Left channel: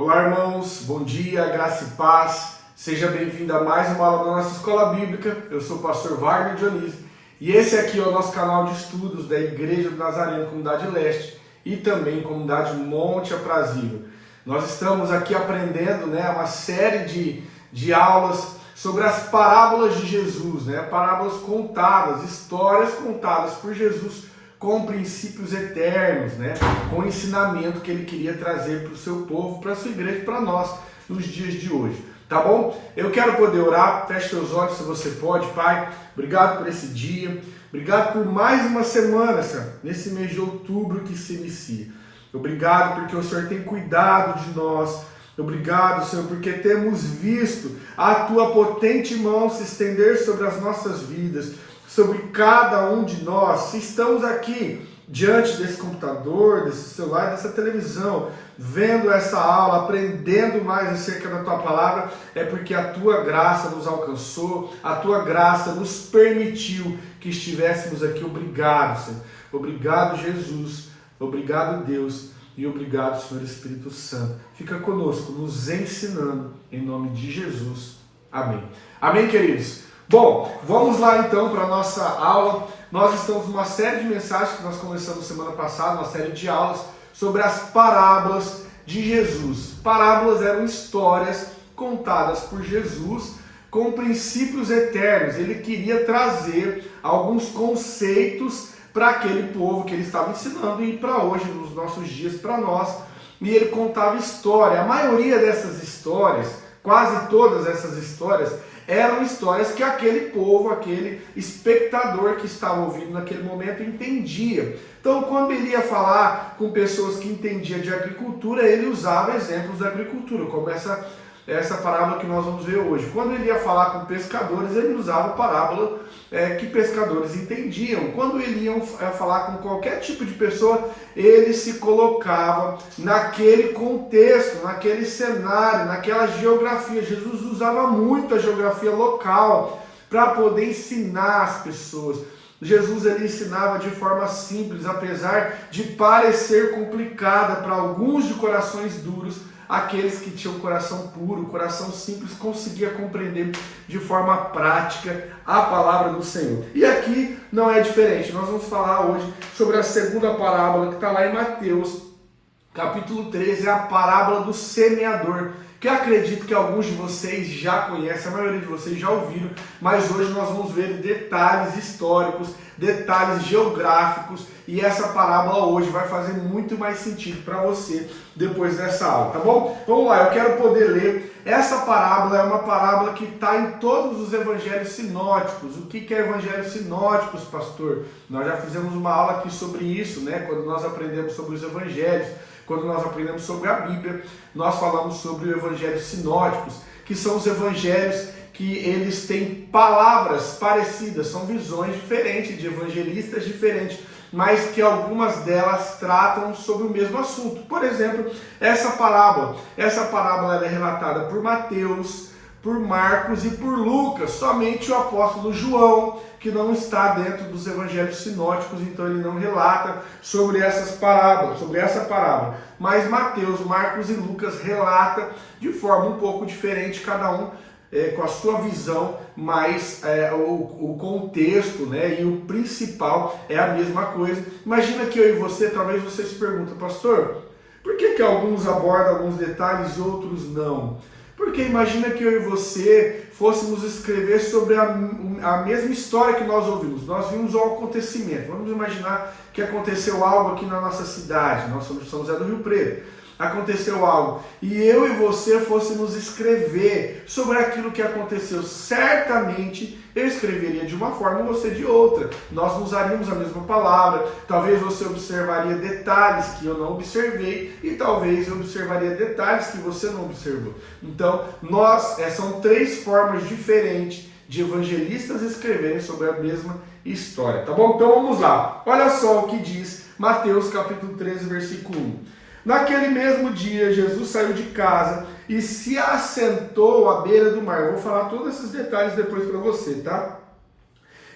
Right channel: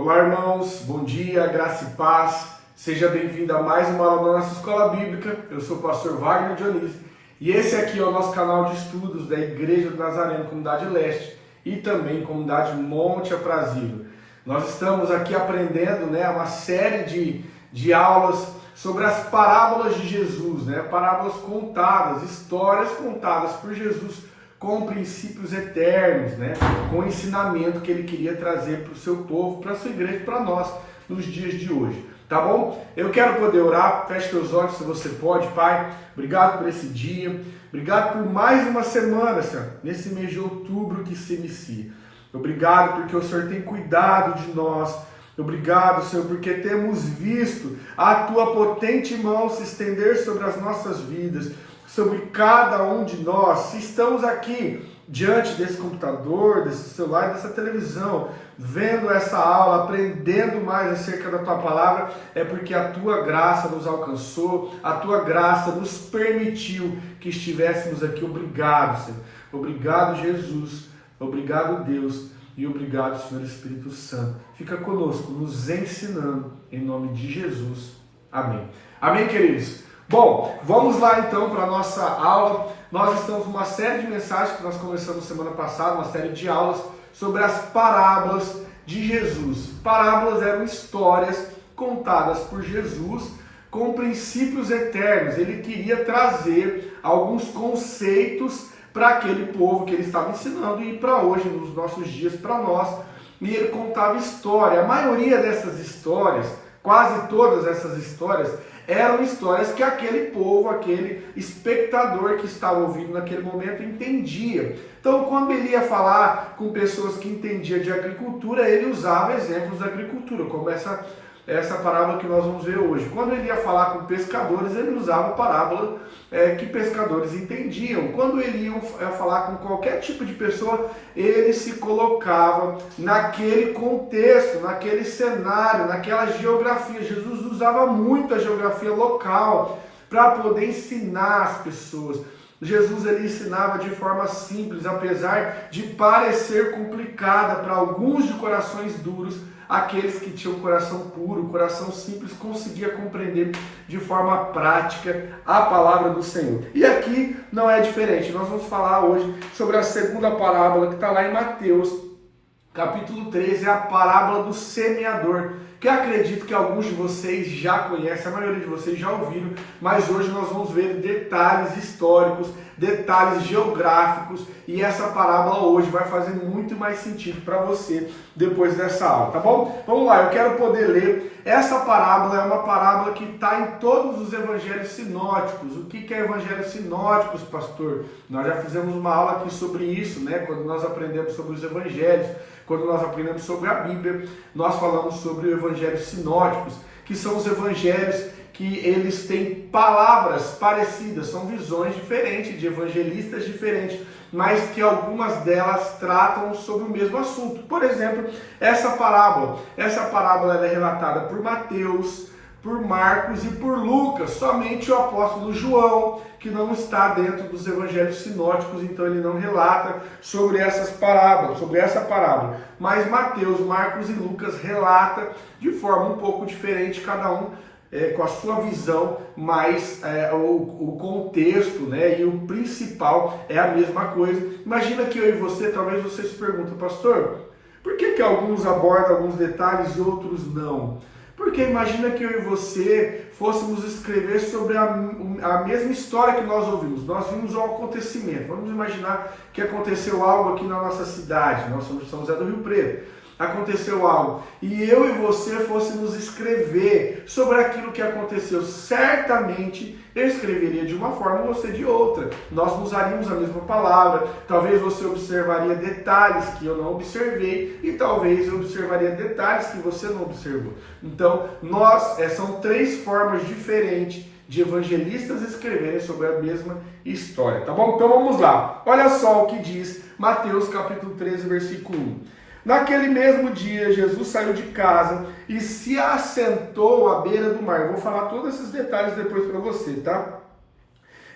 Olá, irmãos, bom dia, graça e paz. Seja bem-vindo a mais uma aula da nossa escola bíblica. Eu sou o pastor Wagner Dionísio e esse aqui é o nosso canal de estudos da Igreja do Nazareno, Comunidade Leste e também Comunidade Monte Aprazível. Nós estamos aqui aprendendo uma série de aulas sobre as parábolas de Jesus, parábolas contadas, histórias contadas por Jesus com princípios eternos, com o ensinamento que ele queria trazer para o seu povo, para a sua igreja, para nós, nos dias de hoje. Tá bom? Eu quero poder orar, feche seus olhos se você pode, Pai. Obrigado por esse dia, obrigado por mais uma semana, Senhor, nesse mês de outubro que se inicia. Obrigado porque o Senhor tem cuidado de nós. Obrigado, Senhor, porque temos visto a Tua potente mão se estender sobre as nossas vidas, sobre cada um de nós. Se estamos aqui diante desse computador, desse celular, dessa televisão, vendo essa aula, aprendendo mais acerca da Tua palavra, é porque a Tua graça nos alcançou, a Tua graça nos permitiu que estivéssemos aqui. Obrigado, Senhor. Obrigado, Jesus. Obrigado, Deus. E obrigado, Senhor Espírito Santo. Fica conosco, nos ensinando, em nome de Jesus. Amém. Amém, queridos? Bom, vamos lá então para a nossa aula. Nós estamos numa série de mensagens que nós começamos semana passada, uma série de aulas sobre as parábolas de Jesus. Parábolas eram histórias contadas por Jesus com princípios eternos. Ele queria trazer alguns conceitos para aquele povo que ele estava ensinando e para hoje, nos nossos dias, para nós. E ele contava história. A maioria dessas histórias, quase todas essas histórias, eram histórias que aquele povo, aquele espectador que estava ouvindo naquele momento entendia. Então, quando ele ia falar com pessoas que entendiam de agricultura, ele usava exemplos da agricultura, como essa parábola que nós vamos ver hoje. Quando ele ia falar com pescadores, ele usava a parábola que pescadores entendiam. Quando ele ia falar com qualquer tipo de pessoa, ele se colocava naquele contexto, naquele cenário, naquela geografia. Jesus usava muito a geografia local para poder ensinar as pessoas. Jesus ele ensinava de forma simples, apesar de parecer complicada para alguns de corações duros. Aqueles que tinham coração puro, coração simples, conseguia compreender de forma prática a palavra do Senhor. E aqui não é diferente. Nós vamos falar hoje sobre a segunda parábola que está lá em Mateus, capítulo 13, é a parábola do semeador, que eu acredito que alguns de vocês já conhecem, a maioria de vocês já ouviram, mas hoje nós vamos ver detalhes históricos, detalhes geográficos, e essa parábola hoje vai fazer muito mais sentido para você depois dessa aula, tá bom? Vamos lá, eu quero poder ler. Essa parábola é uma parábola que está em todos os evangelhos sinóticos. O que é evangelhos sinóticos, pastor? Nós já fizemos uma aula aqui sobre isso, quando nós aprendemos sobre os evangelhos. Quando nós aprendemos sobre a Bíblia, nós falamos sobre os evangelhos sinóticos, que são os evangelhos que eles têm palavras parecidas, são visões diferentes, de evangelistas diferentes, mas que algumas delas tratam sobre o mesmo assunto. Por exemplo, essa parábola ela é relatada por Mateus, por Marcos e por Lucas. Somente o apóstolo João, que não está dentro dos evangelhos sinóticos, então ele não relata sobre essa parábola. Mas Mateus, Marcos e Lucas relatam de forma um pouco diferente, cada um com a sua visão, mas o contexto e o principal é a mesma coisa. Imagina que eu e você, talvez você se pergunte, pastor, por que alguns abordam alguns detalhes e outros não? Porque imagina que eu e você fôssemos escrever sobre a mesma história que nós ouvimos. Nós vimos um acontecimento. Vamos imaginar que aconteceu algo aqui na nossa cidade. Nós somos de São José do Rio Preto. Aconteceu algo. E eu e você fôssemos escrever sobre aquilo que aconteceu. Certamente eu escreveria de uma forma, você de outra. Nós não usaríamos a mesma palavra. Talvez você observaria detalhes que eu não observei. E talvez eu observaria detalhes que você não observou. Então, são três formas diferentes de evangelistas escreverem sobre a mesma história. Tá bom? Então vamos lá. Olha só o que diz Mateus capítulo 13, versículo 1. Naquele mesmo dia, Jesus saiu de casa e se assentou à beira do mar. Eu vou falar todos esses detalhes depois para você, tá?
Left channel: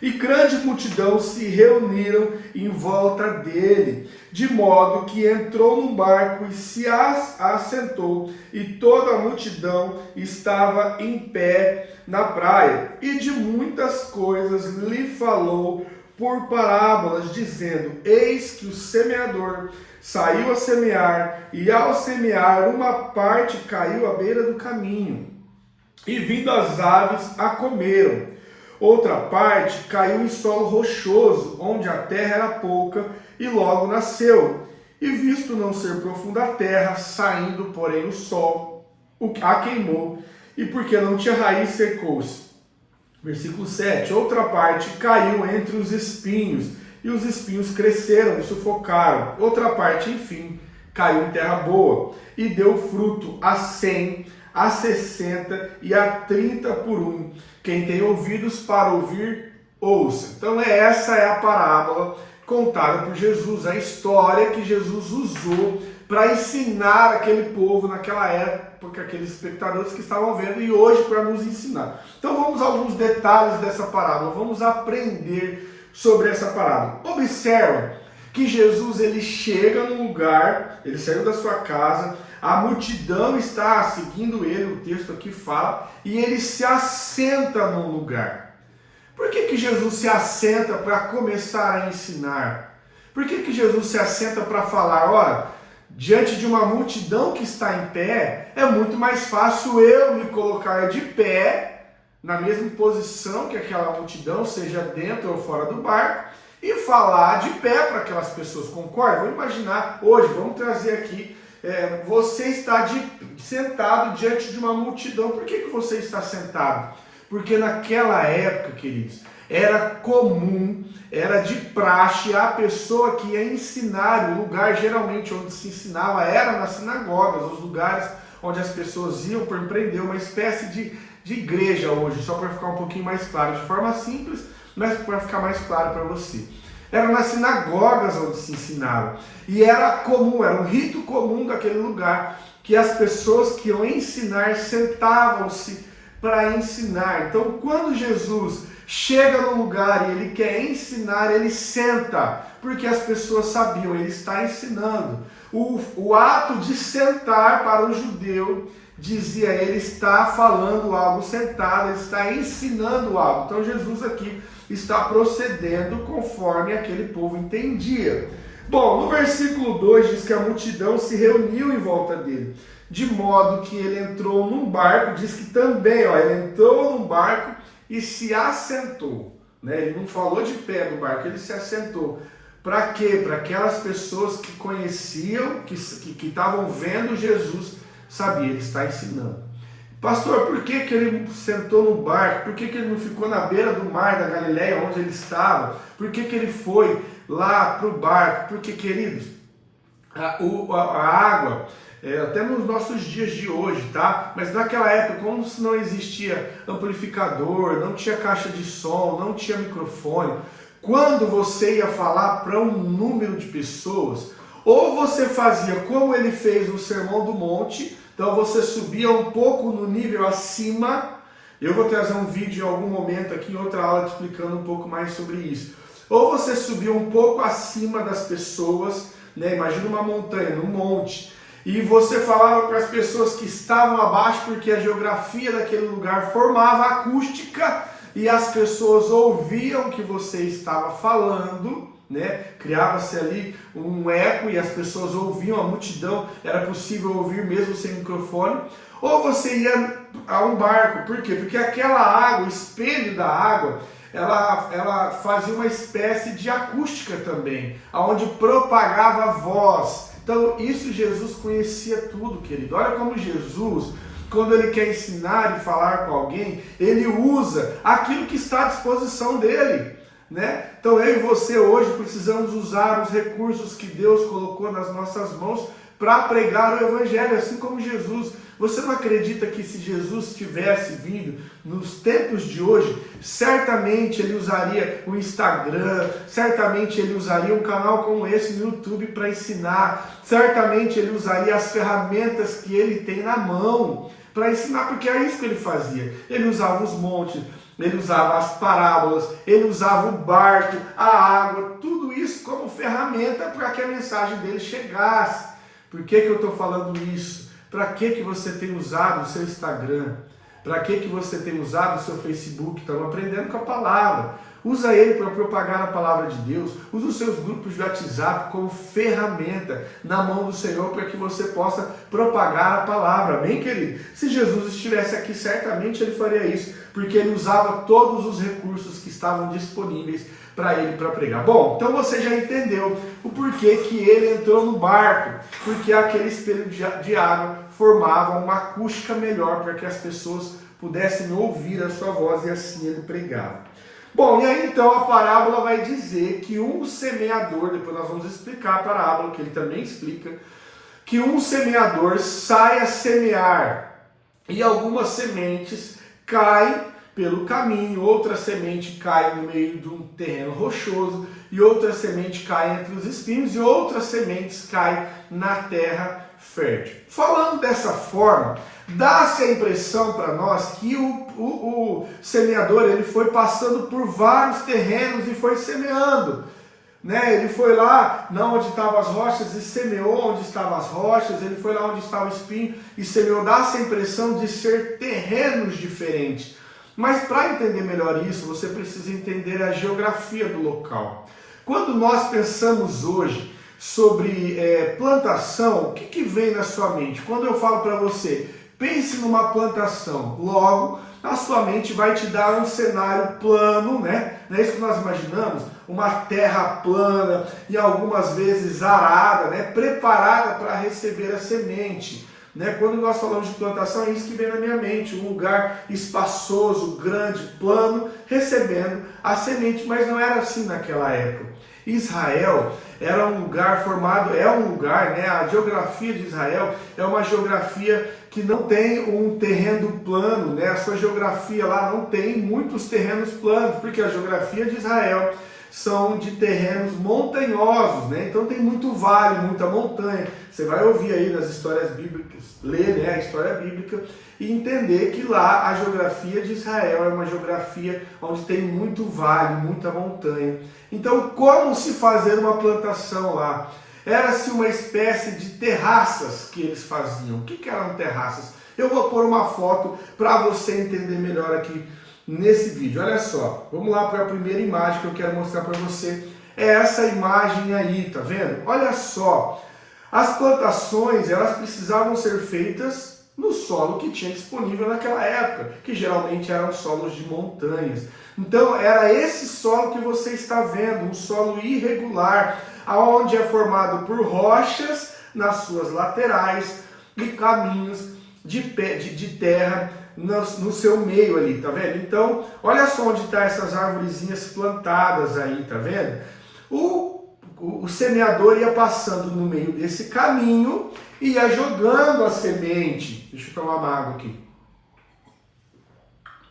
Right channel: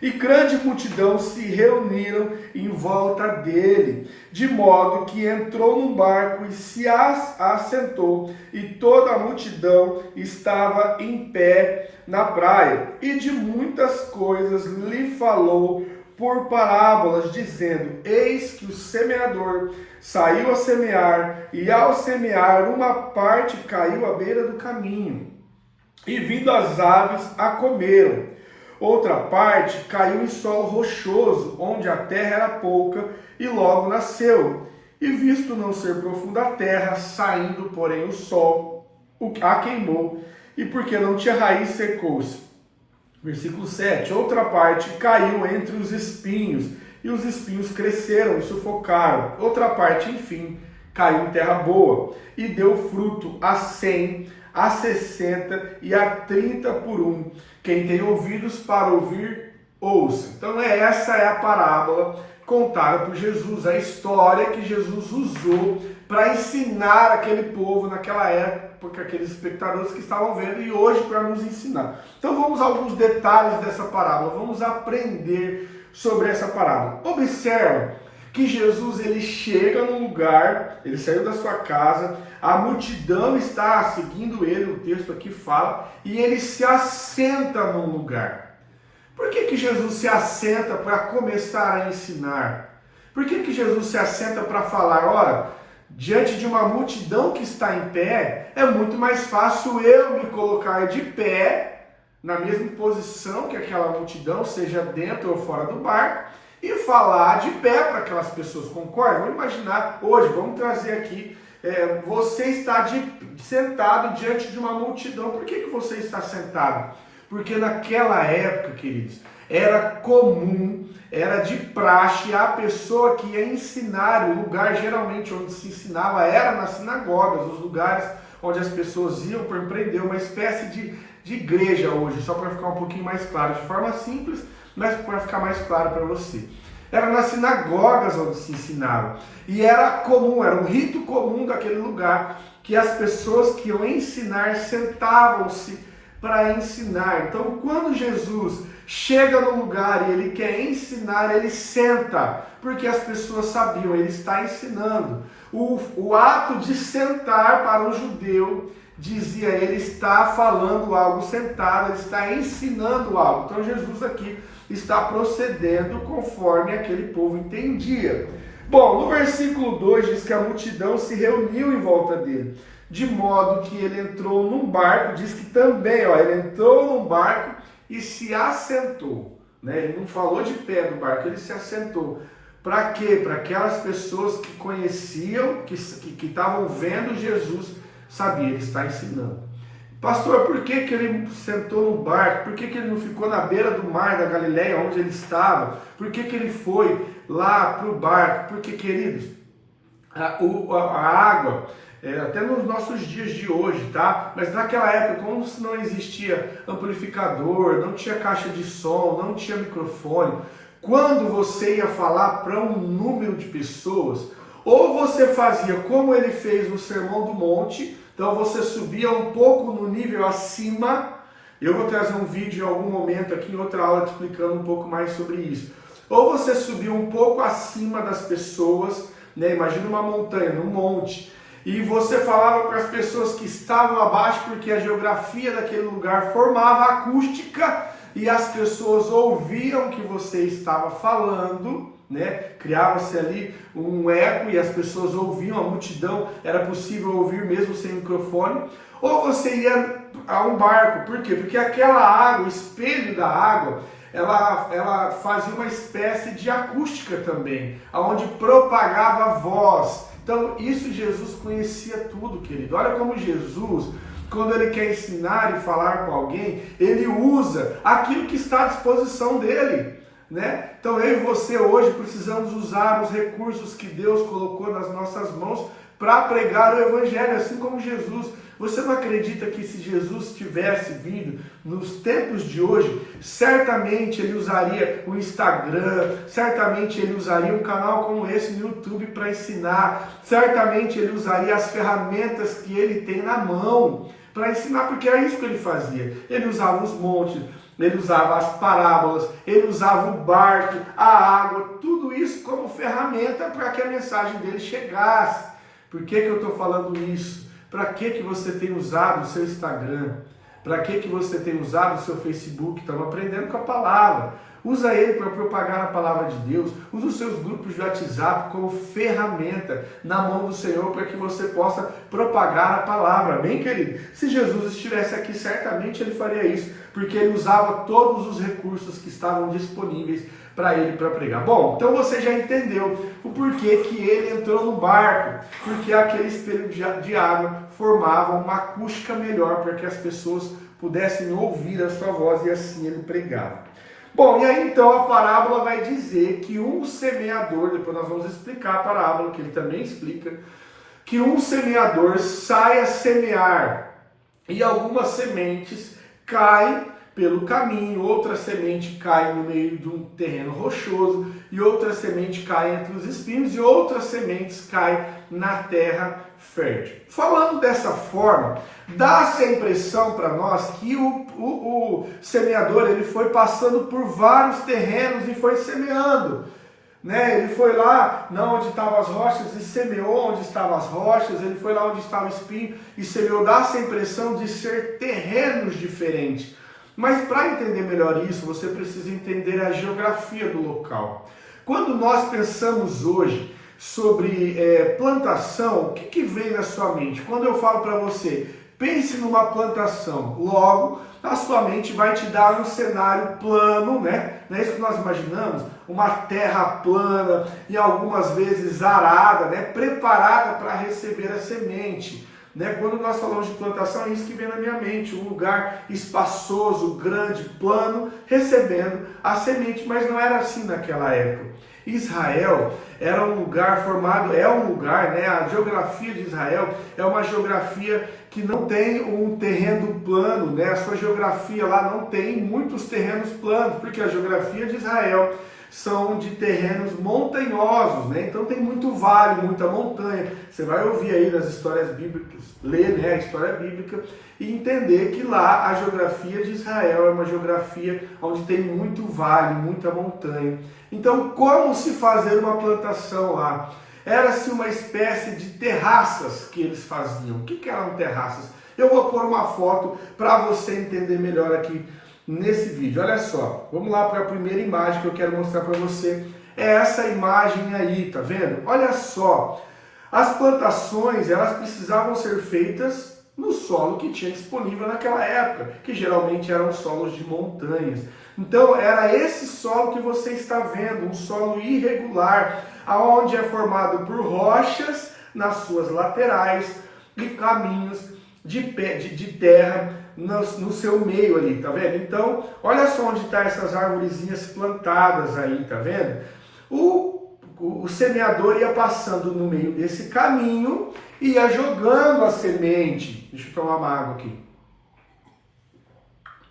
E grande multidão se reuniram em volta dele, de modo que entrou num barco e se assentou, e toda a multidão estava em pé na praia. E de muitas coisas lhe falou por parábolas, dizendo: eis que o semeador saiu a semear, e ao semear uma parte caiu à beira do caminho, e vindo as aves a comeram. Outra parte caiu em solo rochoso, onde a terra era pouca, e logo nasceu. E visto não ser profunda a terra, saindo, porém, o sol a queimou, e porque não tinha raiz, secou-se. Versículo 7. Outra parte caiu entre os espinhos, e os espinhos cresceram e sufocaram. Outra parte, enfim, caiu em terra boa, e deu fruto a 100, a 60 e a 30 por um. Quem tem ouvidos para ouvir, ouça. Então essa é a parábola contada por Jesus, a história que Jesus usou para ensinar aquele povo naquela época, aqueles espectadores que estavam vendo, e hoje para nos ensinar. Então vamos a alguns detalhes dessa parábola, vamos aprender sobre essa parábola. Observa que Jesus ele chega num lugar, ele saiu da sua casa, a multidão está seguindo ele, o texto aqui fala, e ele se assenta num lugar. Por que Jesus se assenta para começar a ensinar? Por que Jesus se assenta para falar? Ora, diante de uma multidão que está em pé, é muito mais fácil eu me colocar de pé, na mesma posição que aquela multidão, seja dentro ou fora do barco, e falar de pé para aquelas pessoas. Concorda? Vamos imaginar hoje, vamos trazer aqui, você está sentado diante de uma multidão. Por que você está sentado? Porque naquela época, queridos, era comum, era de praxe a pessoa que ia ensinar. O lugar geralmente onde se ensinava era nas sinagogas, os lugares onde as pessoas iam para empreender, uma espécie de igreja hoje, só para ficar um pouquinho mais claro, de forma simples, mas para ficar mais claro para você. Era nas sinagogas onde se ensinava. E era comum, era um rito comum daquele lugar, que as pessoas que iam ensinar sentavam-se para ensinar. Então, quando Jesus chega no lugar e ele quer ensinar, ele senta, porque as pessoas sabiam, ele está ensinando. O ato de sentar para o judeu dizia, ele está falando algo sentado, ele está ensinando algo. Então Jesus aqui está procedendo conforme aquele povo entendia. Bom, no versículo 2 diz que a multidão se reuniu em volta dele, de modo que ele entrou num barco, diz que também, ele entrou num barco e se assentou, né? Ele não falou de pé do barco, ele se assentou. Para quê? Para aquelas pessoas que conheciam, que estavam vendo Jesus, sabia, ele está ensinando. Pastor, por que ele sentou no barco? Por que ele não ficou na beira do mar da Galileia, onde ele estava? Por que ele foi lá para o barco? Porque, queridos, a água, até nos nossos dias de hoje, tá? Mas naquela época, como se não existia amplificador, não tinha caixa de som, não tinha microfone, quando você ia falar para um número de pessoas, ou você fazia como ele fez no Sermão do Monte, então você subia um pouco no nível acima. Eu vou trazer um vídeo em algum momento aqui, em outra aula, te explicando um pouco mais sobre isso. Ou você subia um pouco acima das pessoas, né? Imagina uma montanha, um monte, e você falava para as pessoas que estavam abaixo, porque a geografia daquele lugar formava acústica, e as pessoas ouviam o que você estava falando, né? Criava-se ali um eco e as pessoas ouviam, a multidão, era possível ouvir mesmo sem microfone. Ou você ia a um barco, por quê? Porque aquela água, o espelho da água, ela fazia uma espécie de acústica também, onde propagava a voz. Então isso Jesus conhecia tudo, querido. Olha como Jesus, quando ele quer ensinar e falar com alguém, ele usa aquilo que está à disposição dele, né? Então eu e você hoje precisamos usar os recursos que Deus colocou nas nossas mãos para pregar o Evangelho, assim como Jesus. Você não acredita que se Jesus tivesse vindo nos tempos de hoje, certamente ele usaria o Instagram, certamente ele usaria um canal como esse no YouTube para ensinar, certamente ele usaria as ferramentas que ele tem na mão para ensinar, porque é isso que ele fazia. Ele usava os montes, ele usava as parábolas, ele usava o barco, a água, tudo isso como ferramenta para que a mensagem dele chegasse. Por que eu estou falando isso? Para que você tem usado o seu Instagram? Para que você tem usado o seu Facebook? Estamos aprendendo com a palavra. Usa ele para propagar a palavra de Deus. Usa os seus grupos de WhatsApp como ferramenta na mão do Senhor para que você possa propagar a palavra. Amém, querido? Se Jesus estivesse aqui, certamente ele faria isso, porque ele usava todos os recursos que estavam disponíveis para ele para pregar. Bom, então você já entendeu o porquê que ele entrou no barco, porque aquele espelho de água formava uma acústica melhor para que as pessoas pudessem ouvir a sua voz e assim ele pregava. Bom, e aí então a parábola vai dizer que um semeador, depois nós vamos explicar a parábola, que ele também explica, que um semeador sai a semear e algumas sementes caem pelo caminho, outra semente cai no meio de um terreno rochoso e outra semente cai entre os espinhos e outras sementes caem na terra fértil. Falando dessa forma, dá-se a impressão para nós que o semeador ele foi passando por vários terrenos e foi semeando. Ele foi lá onde estavam as rochas e semeou onde estavam as rochas, ele foi lá onde estava o espinho e semeou. Dá-se a impressão de ser terrenos diferentes. Mas para entender melhor isso, você precisa entender a geografia do local. Quando nós pensamos hoje sobre plantação, o que vem na sua mente? Quando eu falo para você, pense numa plantação, logo a sua mente vai te dar um cenário plano, né? Não é isso que nós imaginamos? Uma terra plana e algumas vezes arada, né? Preparada para receber a semente. Quando nós falamos de plantação, é isso que vem na minha mente, um lugar espaçoso, grande, plano, recebendo a semente, mas não era assim naquela época. Israel era um lugar formado, a geografia de Israel é uma geografia que não tem um terreno plano, a sua geografia lá não tem muitos terrenos planos, porque a geografia de Israel são de terrenos montanhosos, então tem muito vale, muita montanha. Você vai ouvir aí nas histórias bíblicas, ler a história bíblica e entender que lá a geografia de Israel é uma geografia onde tem muito vale, muita montanha. Então, como se fazer uma plantação lá? Era-se uma espécie de terraças que eles faziam. O que eram terraças? Eu vou pôr uma foto para você entender melhor aqui nesse vídeo. Olha só, vamos lá para a primeira imagem que eu quero mostrar para você. É essa imagem aí, tá vendo? Olha só, as plantações elas precisavam ser feitas no solo que tinha disponível naquela época, que geralmente eram solos de montanhas. Então era esse solo que você está vendo, um solo irregular, aonde é formado por rochas nas suas laterais e caminhos de terra no seu meio ali, tá vendo? Então, olha só onde estão essas arvorezinhas plantadas aí, tá vendo? O semeador ia passando no meio desse caminho e ia jogando a semente. Deixa eu tomar uma água aqui.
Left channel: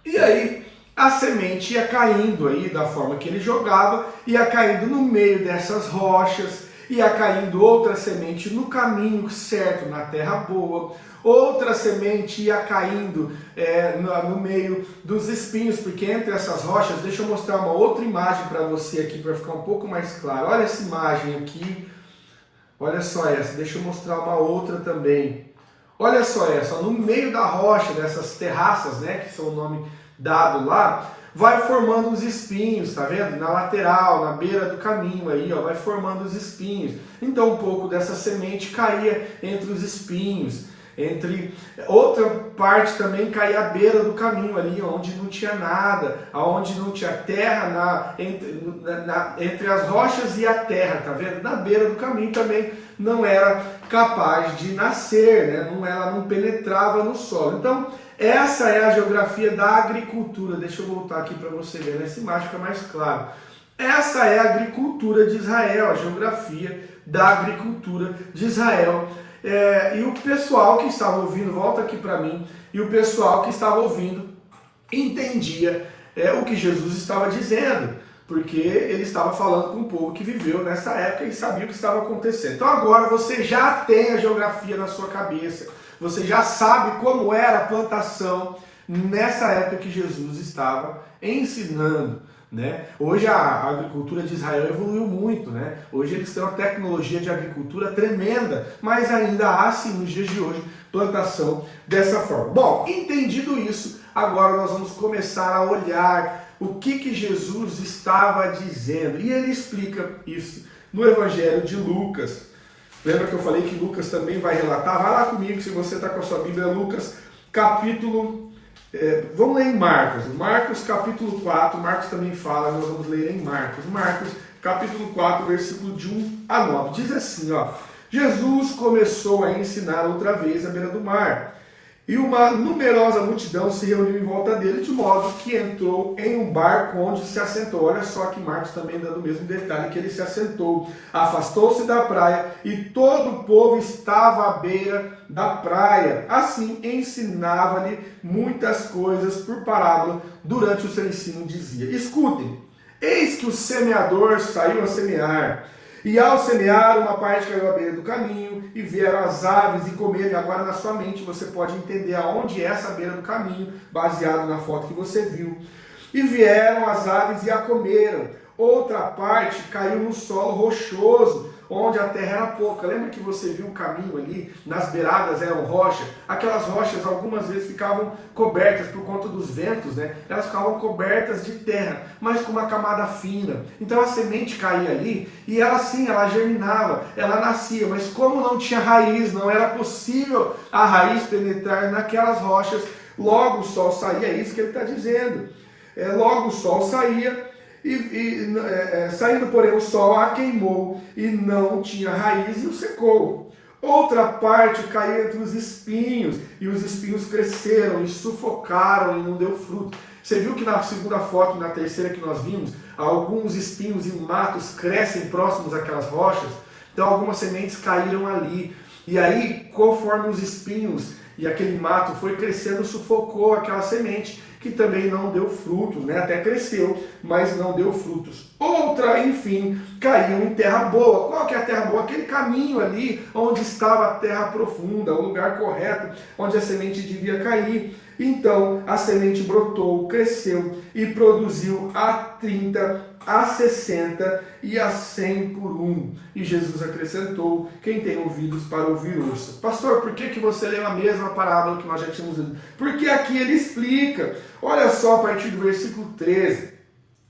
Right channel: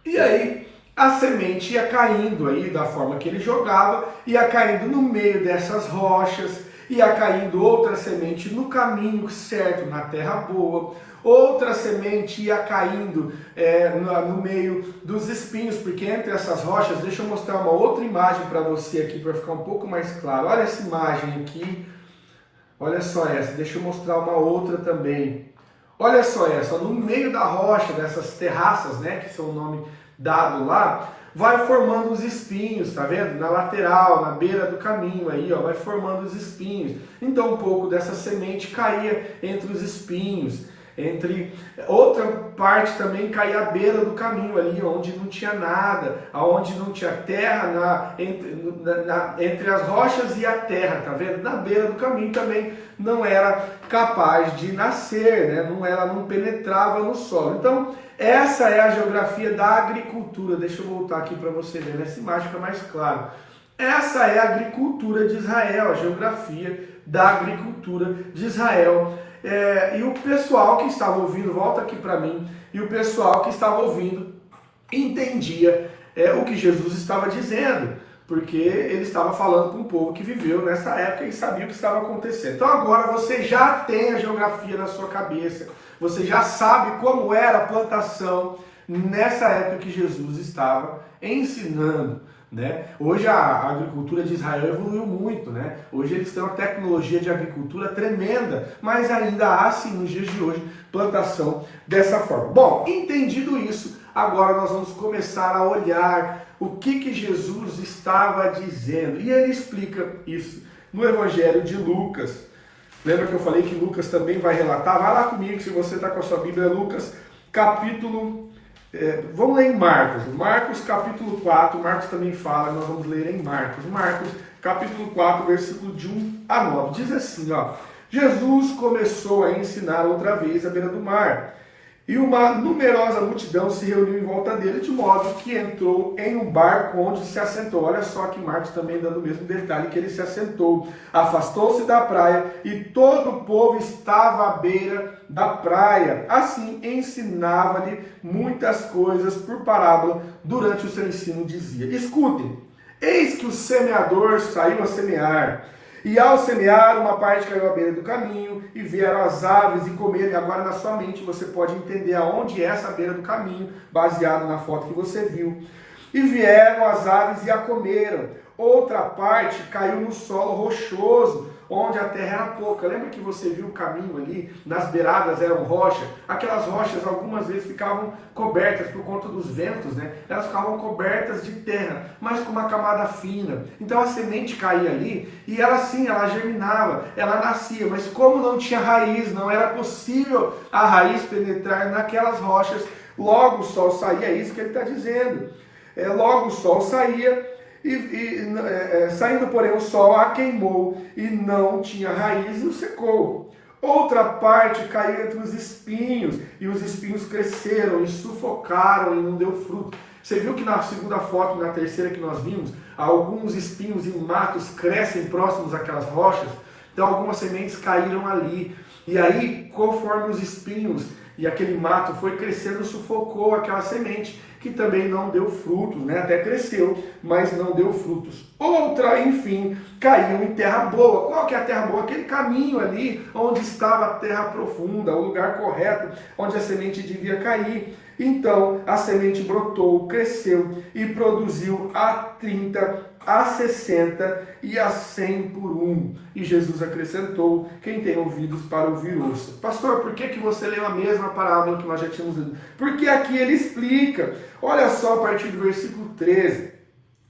E aí, a semente ia caindo aí da forma que ele jogava, ia caindo no meio dessas rochas, ia caindo outra semente no caminho certo, na terra boa. Outra semente ia caindo no meio dos espinhos, porque entre essas rochas, deixa eu mostrar uma outra imagem para você aqui, para ficar um pouco mais claro. Olha essa imagem aqui, olha só essa, deixa eu mostrar uma outra também. Olha só essa, no meio da rocha, dessas terraças, que são o nome dado lá, vai formando os espinhos, tá vendo? Na lateral, na beira do caminho aí, vai formando os espinhos. Então um pouco dessa semente caía entre os espinhos. Outra parte também caía à beira do caminho ali, onde não tinha nada, onde não tinha terra, entre as rochas e a terra, tá vendo? Na beira do caminho também não era capaz de nascer, ela não penetrava no solo. Então, essa é a geografia da agricultura. Deixa eu voltar aqui para você ver, nessa imagem fica mais claro. Essa é a agricultura de Israel, a geografia da agricultura de Israel. E o pessoal que estava ouvindo, volta aqui para mim, e o pessoal que estava ouvindo entendia o que Jesus estava dizendo, porque ele estava falando com um povo que viveu nessa época e sabia o que estava acontecendo. Então agora você já tem a geografia na sua cabeça, você já sabe como era a plantação nessa época que Jesus estava ensinando, né? Hoje a agricultura de Israel evoluiu muito, né? Hoje eles têm uma tecnologia de agricultura tremenda, mas ainda há, sim, nos dias de hoje, plantação dessa forma. Bom, entendido isso, agora nós vamos começar a olhar o que Jesus estava dizendo. E ele explica isso no Evangelho de Lucas. Lembra que eu falei que Lucas também vai relatar? Vai lá comigo, se você está com a sua Bíblia, Lucas, capítulo... vamos ler em Marcos. Marcos, capítulo 4. Marcos também fala, nós vamos ler em Marcos. Marcos, capítulo 4, versículo de 1 a 9. Diz assim, ó. Jesus começou a ensinar outra vez à beira do mar. E uma numerosa multidão se reuniu em volta dele, de modo que entrou em um barco onde se assentou. Olha só que Marcos também dando o mesmo detalhe, que ele se assentou. Afastou-se da praia e todo o povo estava à beira da praia. Assim ensinava-lhe muitas coisas por parábola. Durante o seu ensino dizia: escutem, eis que o semeador saiu a semear. E ao semear, uma parte caiu à beira do caminho, e vieram as aves e comeram. E agora na sua mente você pode entender aonde é essa beira do caminho, baseado na foto que você viu. E vieram as aves e a comeram. Outra parte caiu no solo rochoso, onde a terra era pouca. Lembra que você viu o caminho ali? Nas beiradas eram rochas. Aquelas rochas algumas vezes ficavam cobertas por conta dos ventos, né? Elas ficavam cobertas de terra, mas com uma camada fina. Então a semente caía ali e ela sim, ela germinava, ela nascia. Mas como não tinha raiz, não era possível a raiz penetrar naquelas rochas, logo o sol saía. É isso que ele está dizendo. Logo o sol saía. Saindo, porém, o sol a queimou e não tinha raiz e o secou. Outra parte caiu entre os espinhos, e os espinhos cresceram e sufocaram e não deu fruto. Você viu que na segunda foto e na terceira que nós vimos, alguns espinhos e matos crescem próximos àquelas rochas? Então algumas sementes caíram ali. E aí, conforme os espinhos e aquele mato foi crescendo, sufocou aquela semente, que também não deu frutos, né? Até cresceu, mas não deu frutos. Outra, enfim, caiu em terra boa. Qual que é a terra boa? Aquele caminho ali onde estava a terra profunda, o lugar correto, onde a semente devia cair. Então, a semente brotou, cresceu e produziu a 30, a 60 e a 100 por um. E Jesus acrescentou: quem tem ouvidos para ouvir, ouça. Pastor, por que você leu a mesma parábola que nós já tínhamos lido? Porque aqui ele explica. Olha só a partir do versículo 13.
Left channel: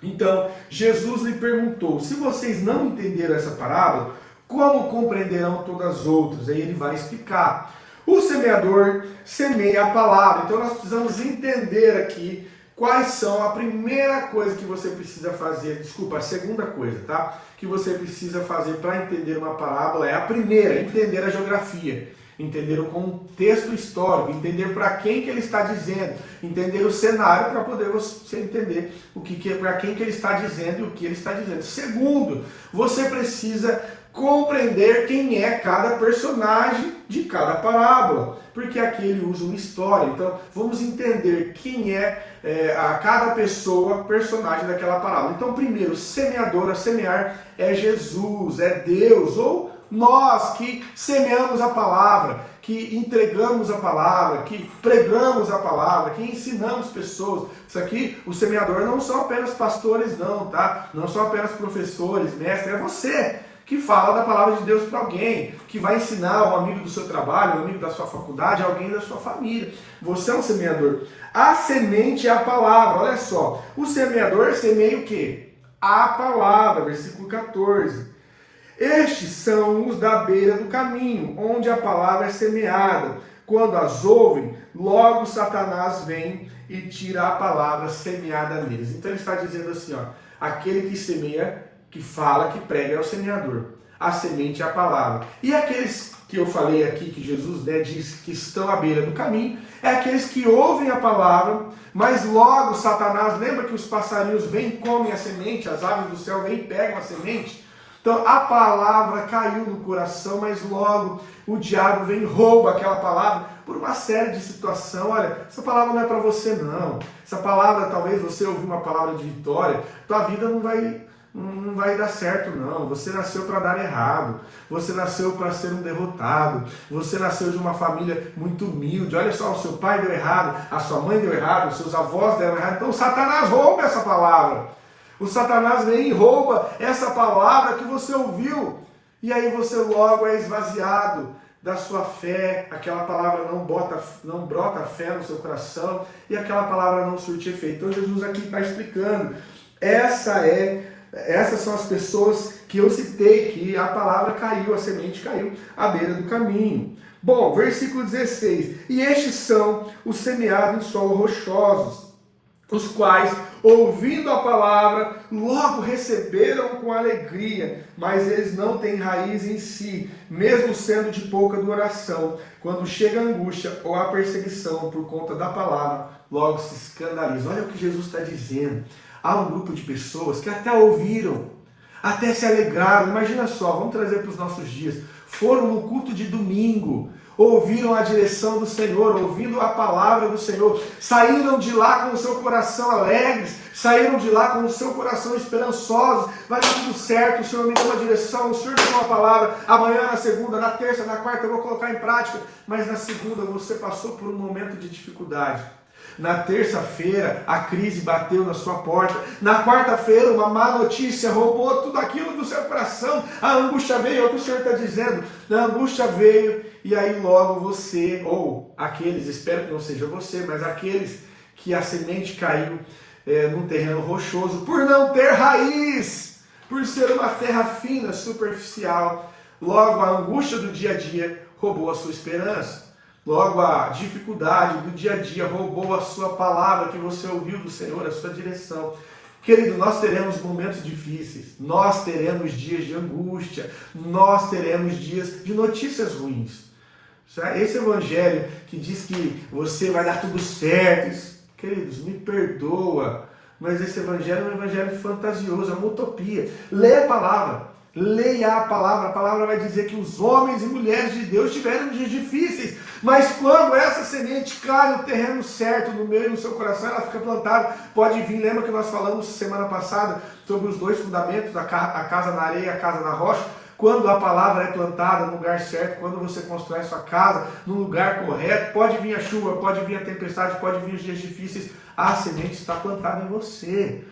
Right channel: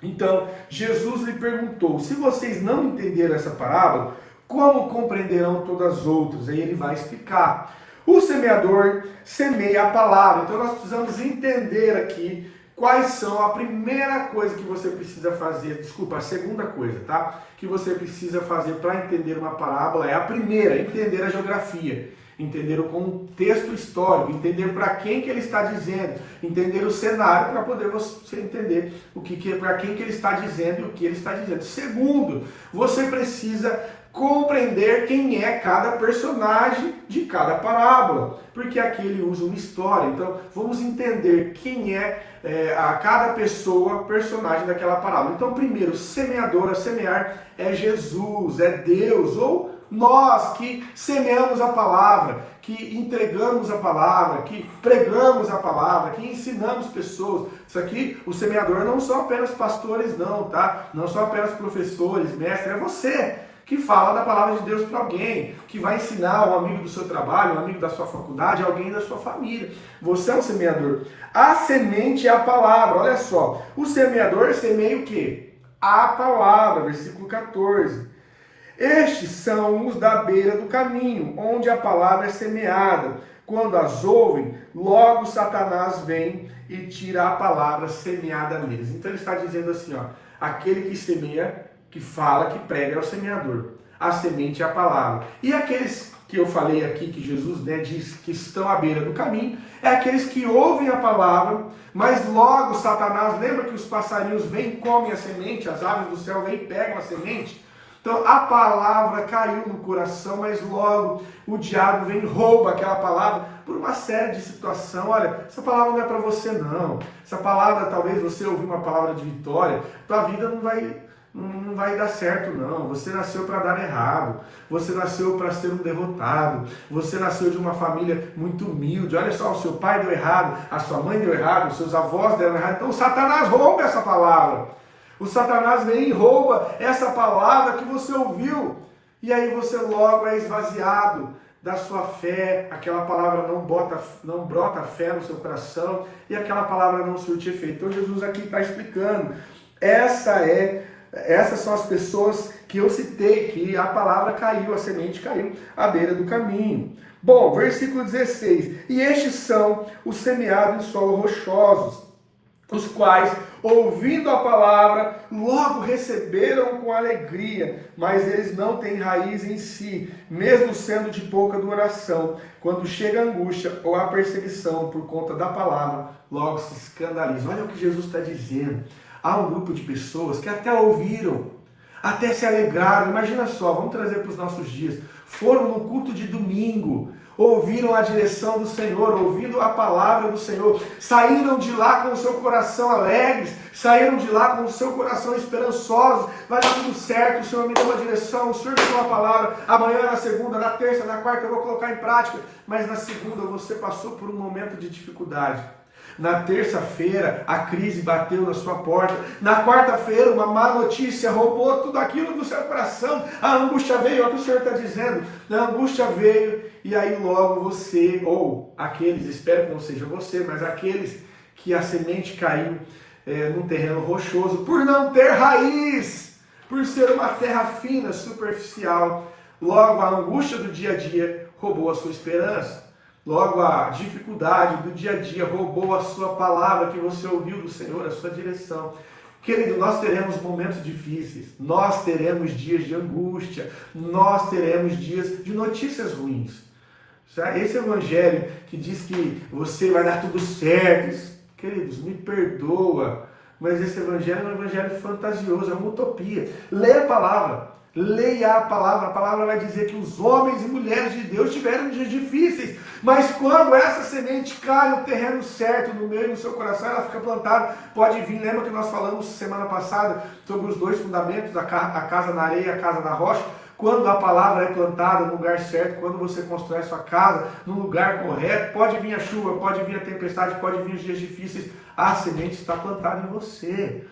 Então, Jesus lhe perguntou: se vocês não entenderam essa parábola, como compreenderão todas as outras? Aí ele vai explicar. O semeador semeia a palavra. Então nós precisamos entender aqui quais são a primeira coisa que você precisa fazer, a segunda coisa, tá? Que você precisa fazer para entender uma parábola é a primeira, entender a geografia, entender o contexto histórico, entender para quem que ele está dizendo, entender o cenário para poder você entender para quem que ele está dizendo e o que ele está dizendo. Segundo, você precisa compreender quem é cada personagem de cada parábola, porque aqui ele usa uma história. Então vamos entender quem é a cada pessoa, personagem daquela parábola. Então primeiro, semeador, a semear é Jesus, é Deus, ou nós que semeamos a palavra, que entregamos a palavra, que pregamos a palavra, que ensinamos pessoas. Isso aqui, o semeador não são apenas pastores não, tá? Não são apenas professores, mestres, é você que fala da palavra de Deus para alguém, que vai ensinar um amigo do seu trabalho, um amigo da sua faculdade, alguém da sua família. Você é um semeador. A semente é a palavra, olha só. O semeador semeia o quê? A palavra, versículo 14. Estes são os da beira do caminho, onde a palavra é semeada. Quando as ouvem, logo Satanás vem e tira a palavra semeada neles. Então ele está dizendo assim, ó, aquele que semeia, que fala, que prega é o semeador. A semente é a palavra. E aqueles que eu falei aqui, que Jesus diz que estão à beira do caminho, é aqueles que ouvem a palavra, mas logo Satanás, lembra que os passarinhos vêm e comem a semente, as aves do céu vêm e pegam a semente? Então a palavra caiu no coração, mas logo o diabo vem e rouba aquela palavra por uma série de situações. Olha, essa palavra não é para você não. Essa palavra, talvez você ouvir uma palavra de vitória, tua vida não vai não vai dar certo não, você nasceu para dar errado, você nasceu para ser um derrotado, você nasceu de uma família muito humilde, olha só, o seu pai deu errado, a sua mãe deu errado, os seus avós deram errado, então Satanás rouba essa palavra, o Satanás vem e rouba essa palavra que você ouviu, e aí você logo é esvaziado da sua fé, aquela palavra não brota fé no seu coração, e aquela palavra não surte efeito. Então Jesus aqui está explicando, essas são as pessoas que eu citei, que a palavra caiu, a semente caiu à beira do caminho. Bom, versículo 16. E estes são os semeados em solo rochosos, os quais, ouvindo a palavra, logo receberam com alegria, mas eles não têm raiz em si, mesmo sendo de pouca duração. Quando chega a angústia ou a perseguição por conta da palavra, logo se escandalizam. Olha o que Jesus está dizendo. Há um grupo de pessoas que até ouviram, até se alegraram. Imagina só, vamos trazer para os nossos dias. Foram no culto de domingo, ouviram a direção do Senhor, ouvindo a palavra do Senhor, saíram de lá com o seu coração alegres, saíram de lá com o seu coração esperançosos, vai dar tudo certo, o Senhor me deu uma direção, o Senhor me deu uma palavra, amanhã, na segunda, na terça, na quarta eu vou colocar em prática, mas na segunda você passou por um momento de dificuldade. Na terça-feira, a crise bateu na sua porta. Na quarta-feira, uma má notícia roubou tudo aquilo do seu coração. A angústia veio, é o que o Senhor está dizendo. A angústia veio e aí logo você, ou aqueles, espero que não seja você, mas aqueles que a semente caiu num terreno rochoso, por não ter raiz, por ser uma terra fina, superficial, logo a angústia do dia a dia roubou a sua esperança. Logo, a dificuldade do dia a dia roubou a sua palavra que você ouviu do Senhor, a sua direção. Querido, nós teremos momentos difíceis, nós teremos dias de angústia, nós teremos dias de notícias ruins. Esse evangelho que diz que você vai dar tudo certo, queridos, me perdoa, mas esse evangelho é um evangelho fantasioso, é uma utopia. Leia a palavra. Leia a palavra vai dizer que os homens e mulheres de Deus tiveram dias difíceis, mas quando essa semente cai no terreno certo, no meio do seu coração, ela fica plantada, pode vir, lembra que nós falamos semana passada sobre os dois fundamentos, a casa na areia e a casa na rocha? Quando a palavra é plantada no lugar certo, quando você constrói sua casa no lugar correto, pode vir a chuva, pode vir a tempestade, pode vir os dias difíceis, a semente está plantada em você.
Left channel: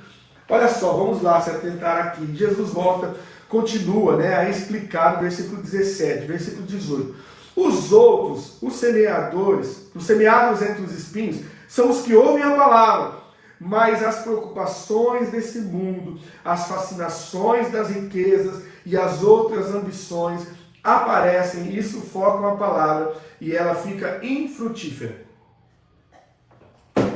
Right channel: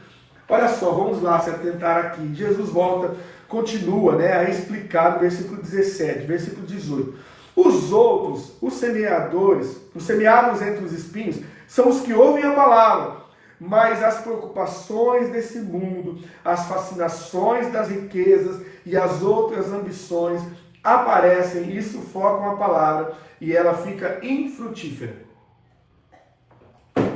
Olha só, vamos lá se atentar aqui, Jesus volta, continua a explicar no versículo 17, versículo 18. Os outros, os semeadores, os semeados entre os espinhos, são os que ouvem a palavra, mas as preocupações desse mundo, as fascinações das riquezas e as outras ambições aparecem e sufocam a palavra e ela fica infrutífera.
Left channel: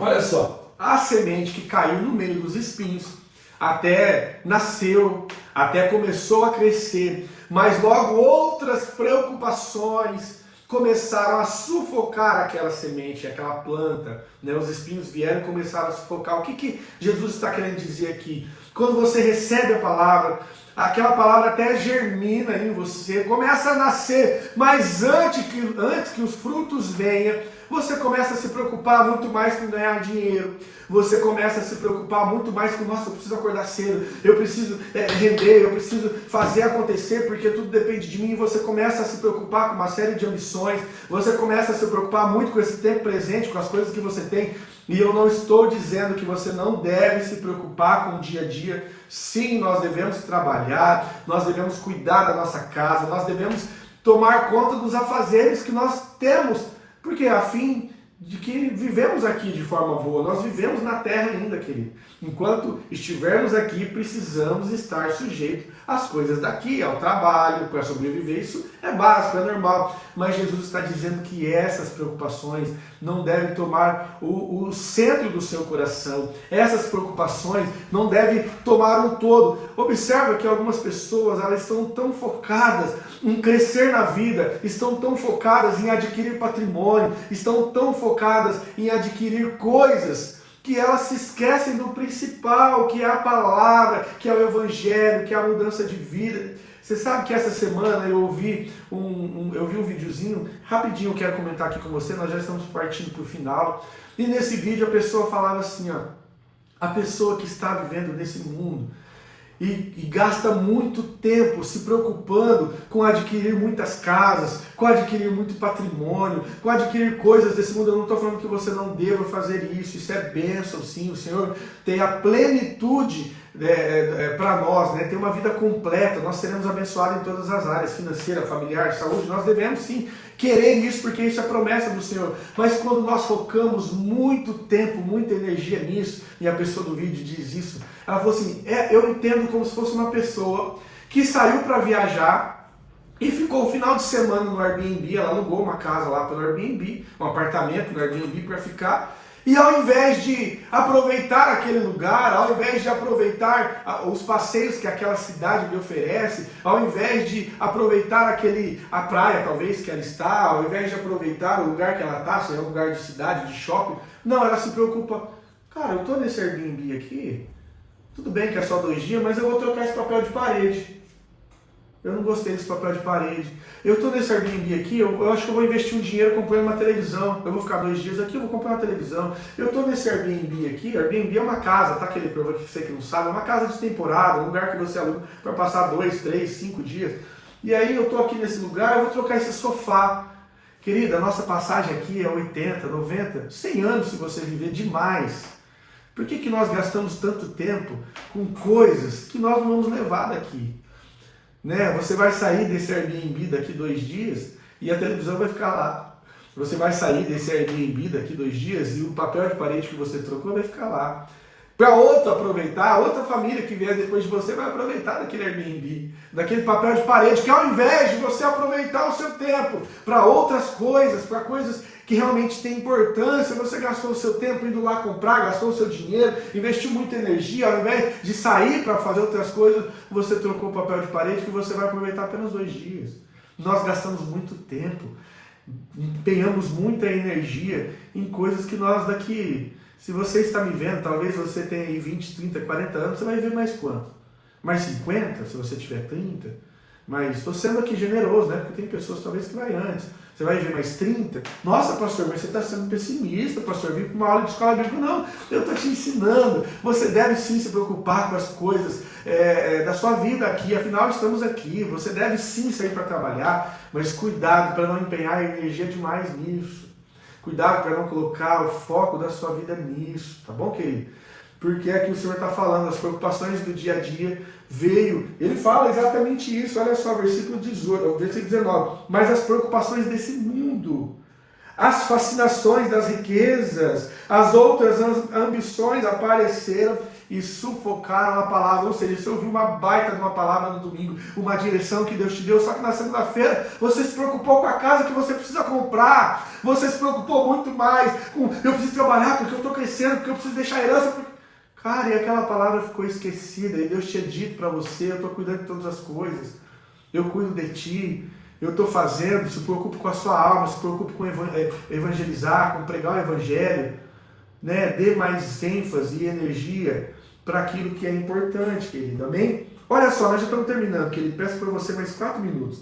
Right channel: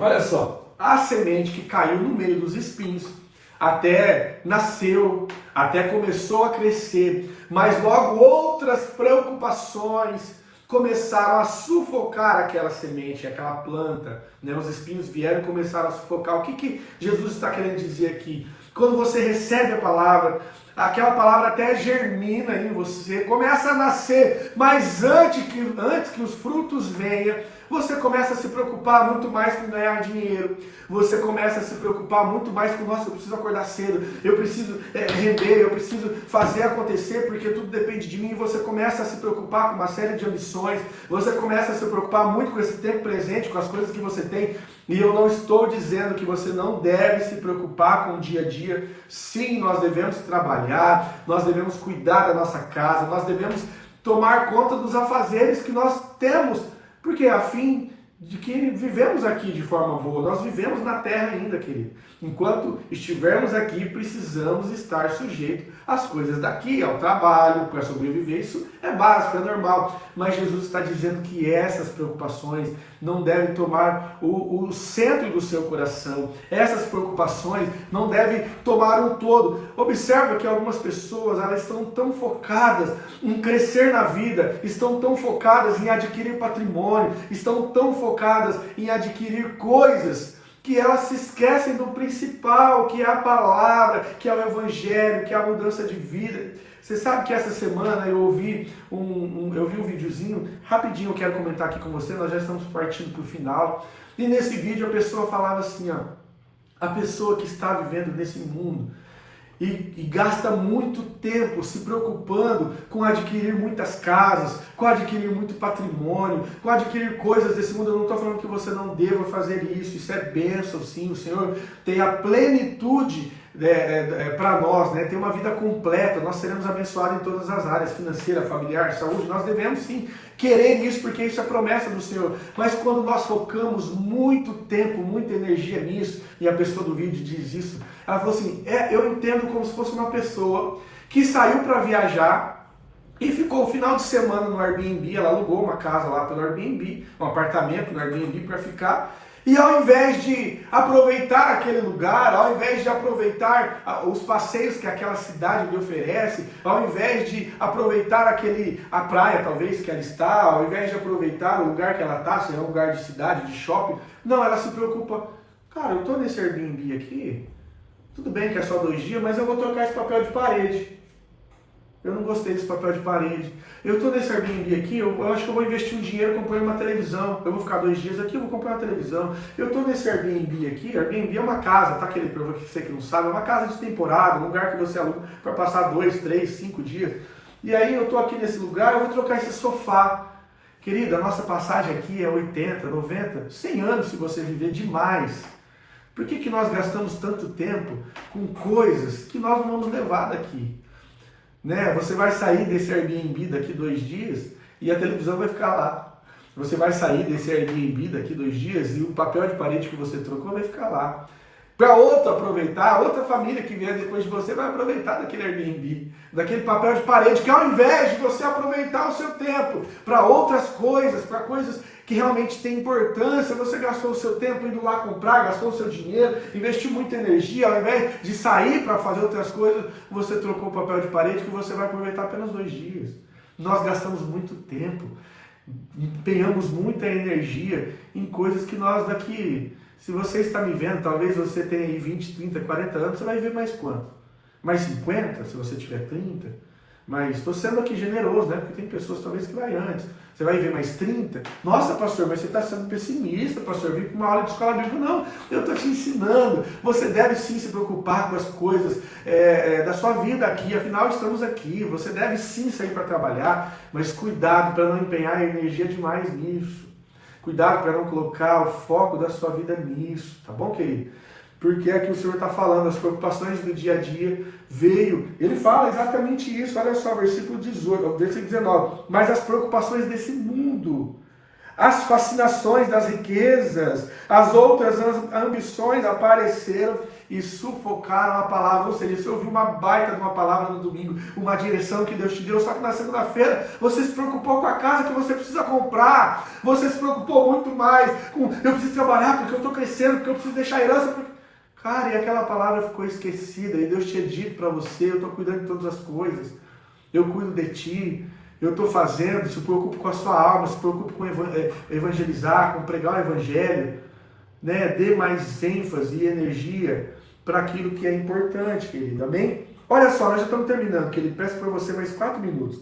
Olha só, a semente que caiu no meio dos espinhos, até nasceu, até começou a crescer, mas logo outras preocupações começaram a sufocar aquela semente, aquela planta, Os espinhos vieram e começaram a sufocar. O que Jesus está querendo dizer aqui? Quando você recebe a palavra, aquela palavra até germina em você, começa a nascer, mas antes que os frutos venham, você começa a se preocupar muito mais com ganhar dinheiro, você começa a se preocupar muito mais com, nossa, eu preciso acordar cedo, eu preciso render, eu preciso fazer acontecer, porque tudo depende de mim, e você começa a se preocupar com uma série de ambições, você começa a se preocupar muito com esse tempo presente, com as coisas que você tem, e eu não estou dizendo que você não deve se preocupar com o dia a dia. Sim, nós devemos trabalhar, nós devemos cuidar da nossa casa, nós devemos tomar conta dos afazeres que nós temos, porque a fim de que vivemos aqui de forma boa, nós vivemos na terra ainda, querido. Enquanto estivermos aqui, precisamos estar sujeitos às coisas daqui, ao trabalho, para sobreviver. Isso é básico, é normal. Mas Jesus está dizendo que essas preocupações não devem tomar o centro do seu coração. Essas preocupações não devem tomar um todo. Observa que algumas pessoas, elas estão tão focadas em crescer na vida, estão tão focadas em adquirir patrimônio, estão tão focadas em adquirir coisas, que elas se esquecem do principal, que é a palavra, que é o evangelho, que é a mudança de vida. Você sabe que essa semana eu vi um videozinho, rapidinho eu quero comentar aqui com você, nós já estamos partindo para o final, e nesse vídeo a pessoa falava assim, a pessoa que está vivendo nesse mundo, e gasta muito tempo se preocupando com adquirir muitas casas, com adquirir muito patrimônio, com adquirir coisas desse mundo. Eu não estou falando que você não deva fazer isso é bênção, sim. O Senhor tem a plenitude para nós, né? Tem uma vida completa, nós seremos abençoados em todas as áreas, financeira, familiar, saúde. Nós devemos sim querer isso, porque isso é promessa do Senhor. Mas quando nós focamos muito tempo, muita energia nisso, e a pessoa do vídeo diz isso, ela falou assim, eu entendo como se fosse uma pessoa que saiu para viajar e ficou o final de semana no Airbnb. Ela alugou uma casa lá pelo Airbnb, um apartamento no Airbnb para ficar. E ao invés de aproveitar aquele lugar, ao invés de aproveitar os passeios que aquela cidade lhe oferece, ao invés de aproveitar a praia talvez que ela está, ao invés de aproveitar o lugar que ela está, se é um lugar de cidade, de shopping, não, ela se preocupa, cara, eu estou nesse Airbnb aqui, tudo bem que é só 2 dias, mas eu vou trocar esse papel de parede. Eu não gostei desse papel de parede. Eu estou nesse Airbnb aqui, eu acho que eu vou investir um dinheiro comprando uma televisão. Eu vou ficar 2 dias aqui, eu vou comprar uma televisão. Eu estou nesse Airbnb aqui, Airbnb é uma casa, tá? Aquele para você que não sabe, é uma casa de temporada, um lugar que você aluga para passar 2, 3, 5 dias. E aí eu estou aqui nesse lugar, eu vou trocar esse sofá. Querida, a nossa passagem aqui é 80, 90, 100 anos se você viver demais. Por que nós gastamos tanto tempo com coisas que nós não vamos levar daqui? Né? Você vai sair desse Airbnb daqui 2 dias e a televisão vai ficar lá. Você vai sair desse Airbnb daqui 2 dias e o papel de parede que você trocou vai ficar lá. Para outro aproveitar, outra família que vier depois de você vai aproveitar daquele Airbnb, daquele papel de parede, que ao invés de você aproveitar o seu tempo para outras coisas, para coisas que realmente têm importância, você gastou o seu tempo indo lá comprar, gastou o seu dinheiro, investiu muita energia, ao invés de sair para fazer outras coisas, você trocou o papel de parede que você vai aproveitar apenas 2 dias. Nós gastamos muito tempo, empenhamos muita energia em coisas que nós daqui, se você está me vendo, talvez você tenha aí 20, 30, 40 anos, você vai ver mais quanto? Mais 50, se você tiver 30? Mas estou sendo aqui generoso, né? Porque tem pessoas talvez que vai antes. Você vai ver mais 30? Nossa, pastor, mas você está sendo pessimista, pastor. Vim para uma aula de escola bíblica. Não, eu estou te ensinando. Você deve sim se preocupar com as coisas da sua vida aqui. Afinal, estamos aqui. Você deve sim sair para trabalhar, mas cuidado para não empenhar energia demais nisso. Cuidado para não colocar o foco da sua vida nisso. Tá bom, querido? Porque aqui o Senhor está falando, as preocupações do dia a dia veio. Ele fala exatamente isso, olha só, versículo 18, versículo 19. Mas as preocupações desse mundo, as fascinações das riquezas, as outras ambições apareceram e sufocaram a palavra. Ou seja, você ouviu uma baita de uma palavra no domingo, uma direção que Deus te deu, só que na segunda-feira você se preocupou com a casa que você precisa comprar, você se preocupou muito mais com eu preciso trabalhar porque eu estou crescendo, porque eu preciso deixar herança, porque... Cara, e aquela palavra ficou esquecida, e Deus tinha dito para você, eu estou cuidando de todas as coisas, eu cuido de ti, eu estou fazendo, se preocupe com a sua alma, se preocupe com evangelizar, com pregar o evangelho, né? Dê mais ênfase e energia para aquilo que é importante, querido, amém? Olha só, nós já estamos terminando, querido, peço para você mais 4 minutos.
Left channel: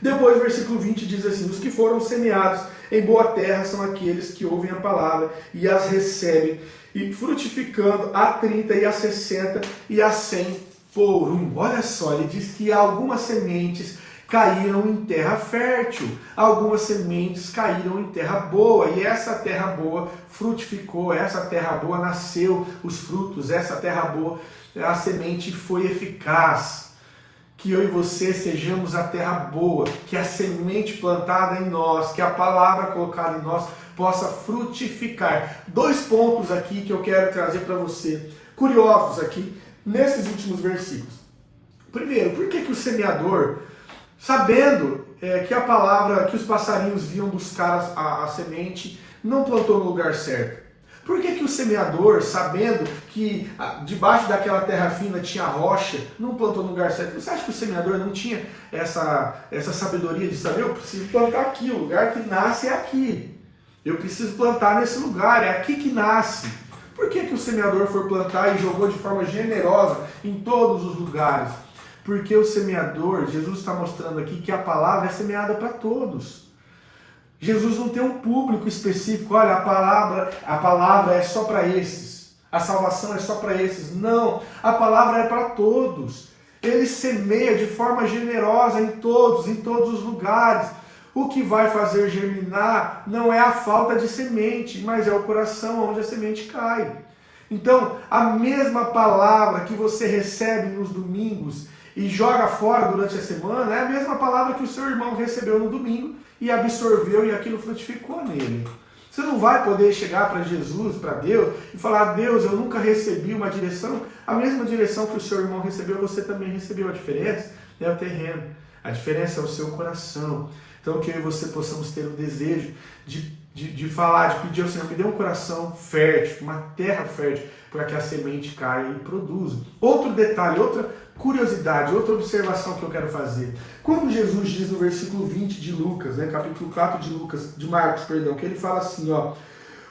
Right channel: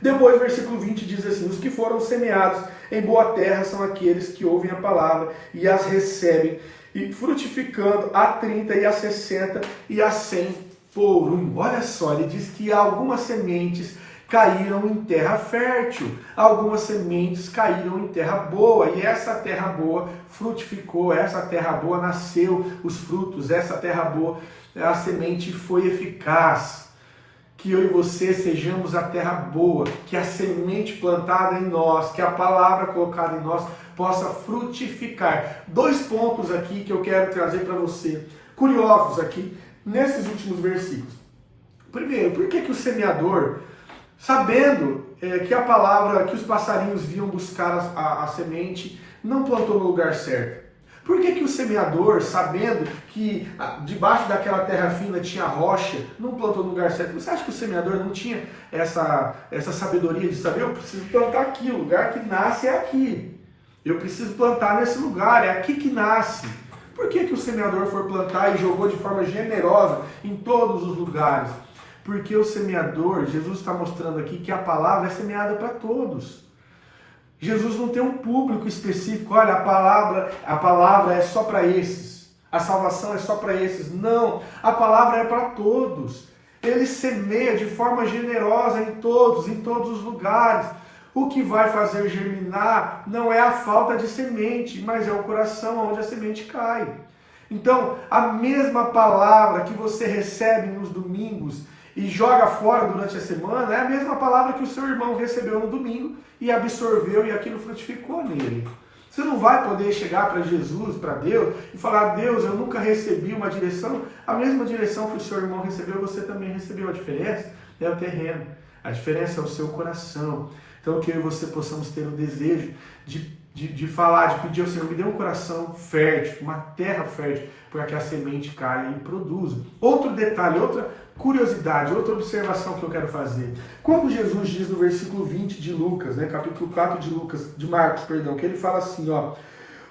Depois, versículo 20 diz assim, os que foram semeados em boa terra são aqueles que ouvem a palavra e as recebem, e frutificando a 30 e a 60 e a 100 por um. Olha só, ele diz que algumas sementes caíram em terra fértil, algumas sementes caíram em terra boa, e essa terra boa frutificou, essa terra boa nasceu os frutos, essa terra boa, a semente foi eficaz. Que eu e você sejamos a terra boa, que a semente plantada em nós, que a palavra colocada em nós possa frutificar. 2 pontos aqui que eu quero trazer para você, curiosos aqui, nesses últimos versículos. Primeiro, por que o semeador, sabendo que a palavra, que os passarinhos vinham buscar a semente, não plantou no lugar certo? Por que o semeador, sabendo que debaixo daquela terra fina tinha rocha, não plantou no lugar certo? Você acha que o semeador não tinha essa sabedoria de saber, eu preciso plantar aqui, o lugar que nasce é aqui. Eu preciso plantar nesse lugar, é aqui que nasce. Por que o semeador foi plantar e jogou de forma generosa em todos os lugares? Porque o semeador, Jesus está mostrando aqui que a palavra é semeada para todos. Jesus não tem um público específico, olha, a palavra é só para esses. a salvação é só para esses. Não, a palavra é para todos. Ele semeia de forma generosa em todos os lugares. O que vai fazer germinar não é a falta de semente, mas é o coração onde a semente cai. Então, a mesma palavra que você recebe nos domingos e joga fora durante a semana, é a mesma palavra que o seu irmão recebeu no domingo e absorveu e aquilo frutificou nele. Você não vai poder chegar para Jesus, para Deus, e falar: Deus, eu nunca recebi uma direção. A mesma direção que o seu irmão recebeu, você também recebeu. A diferença é o terreno, a diferença é o seu coração. Então, que eu e você possamos ter o desejo de falar, de pedir ao Senhor: me dê um coração fértil, uma terra fértil, para que a semente caia e produza. Outro detalhe, outra curiosidade, outra observação que eu quero fazer. Quando Jesus diz no versículo 20 de Lucas, capítulo 4 de Marcos, que ele fala assim,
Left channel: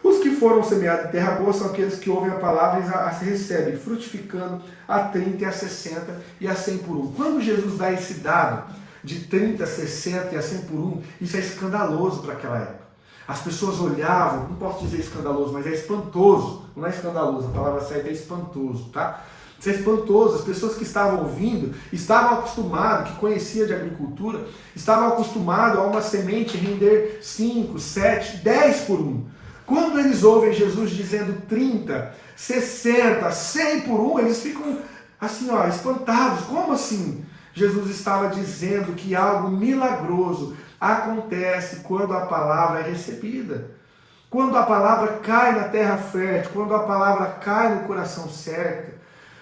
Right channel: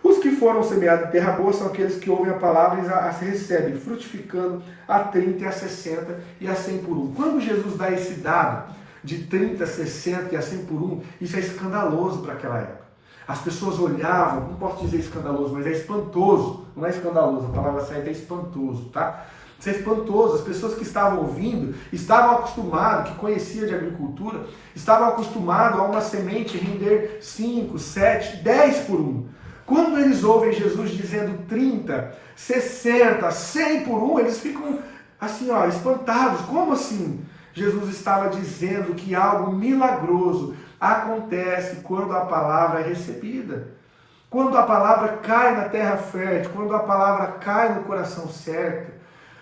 os que foram semeados em terra boa são aqueles que ouvem a palavra e a recebem, frutificando a 30, a 60 e a 100 por um. Quando Jesus dá esse dado de 30, 60 e a 100 por um, isso é escandaloso para aquela época. As pessoas olhavam, não posso dizer escandaloso, mas é espantoso. Não é escandaloso, a palavra certa é espantoso, tá? Isso é espantoso. As pessoas que estavam ouvindo estavam acostumadas, que conheciam de agricultura, estavam acostumadas a uma semente render 5, 7, 10 por um. Quando eles ouvem Jesus dizendo 30, 60, 100 por um, eles ficam assim, espantados. Como assim? Jesus estava dizendo que algo milagroso acontece quando a palavra é recebida. Quando a palavra cai na terra fértil, quando a palavra cai no coração certo,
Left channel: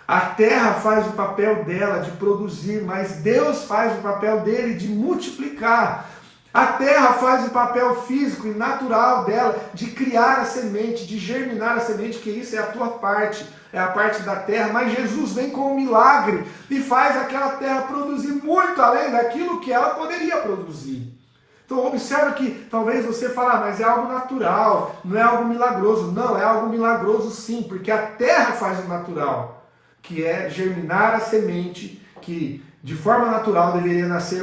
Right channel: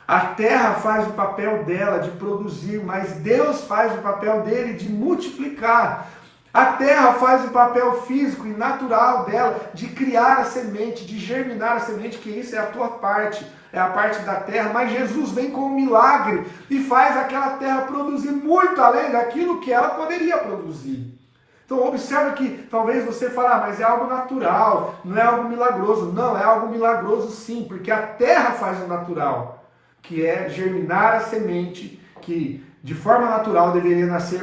a terra faz o papel dela de produzir, mas Deus faz o papel dele de multiplicar. A terra faz o papel físico e natural dela de criar a semente, de germinar a semente, que isso é a tua parte, é a parte da terra. Mas Jesus vem com um milagre e faz aquela terra produzir muito além daquilo que ela poderia produzir. Então observa que talvez você fale: mas é algo natural, não é algo milagroso. Não, é algo milagroso sim, porque a terra faz o natural, que é germinar a semente que de forma natural deveria nascer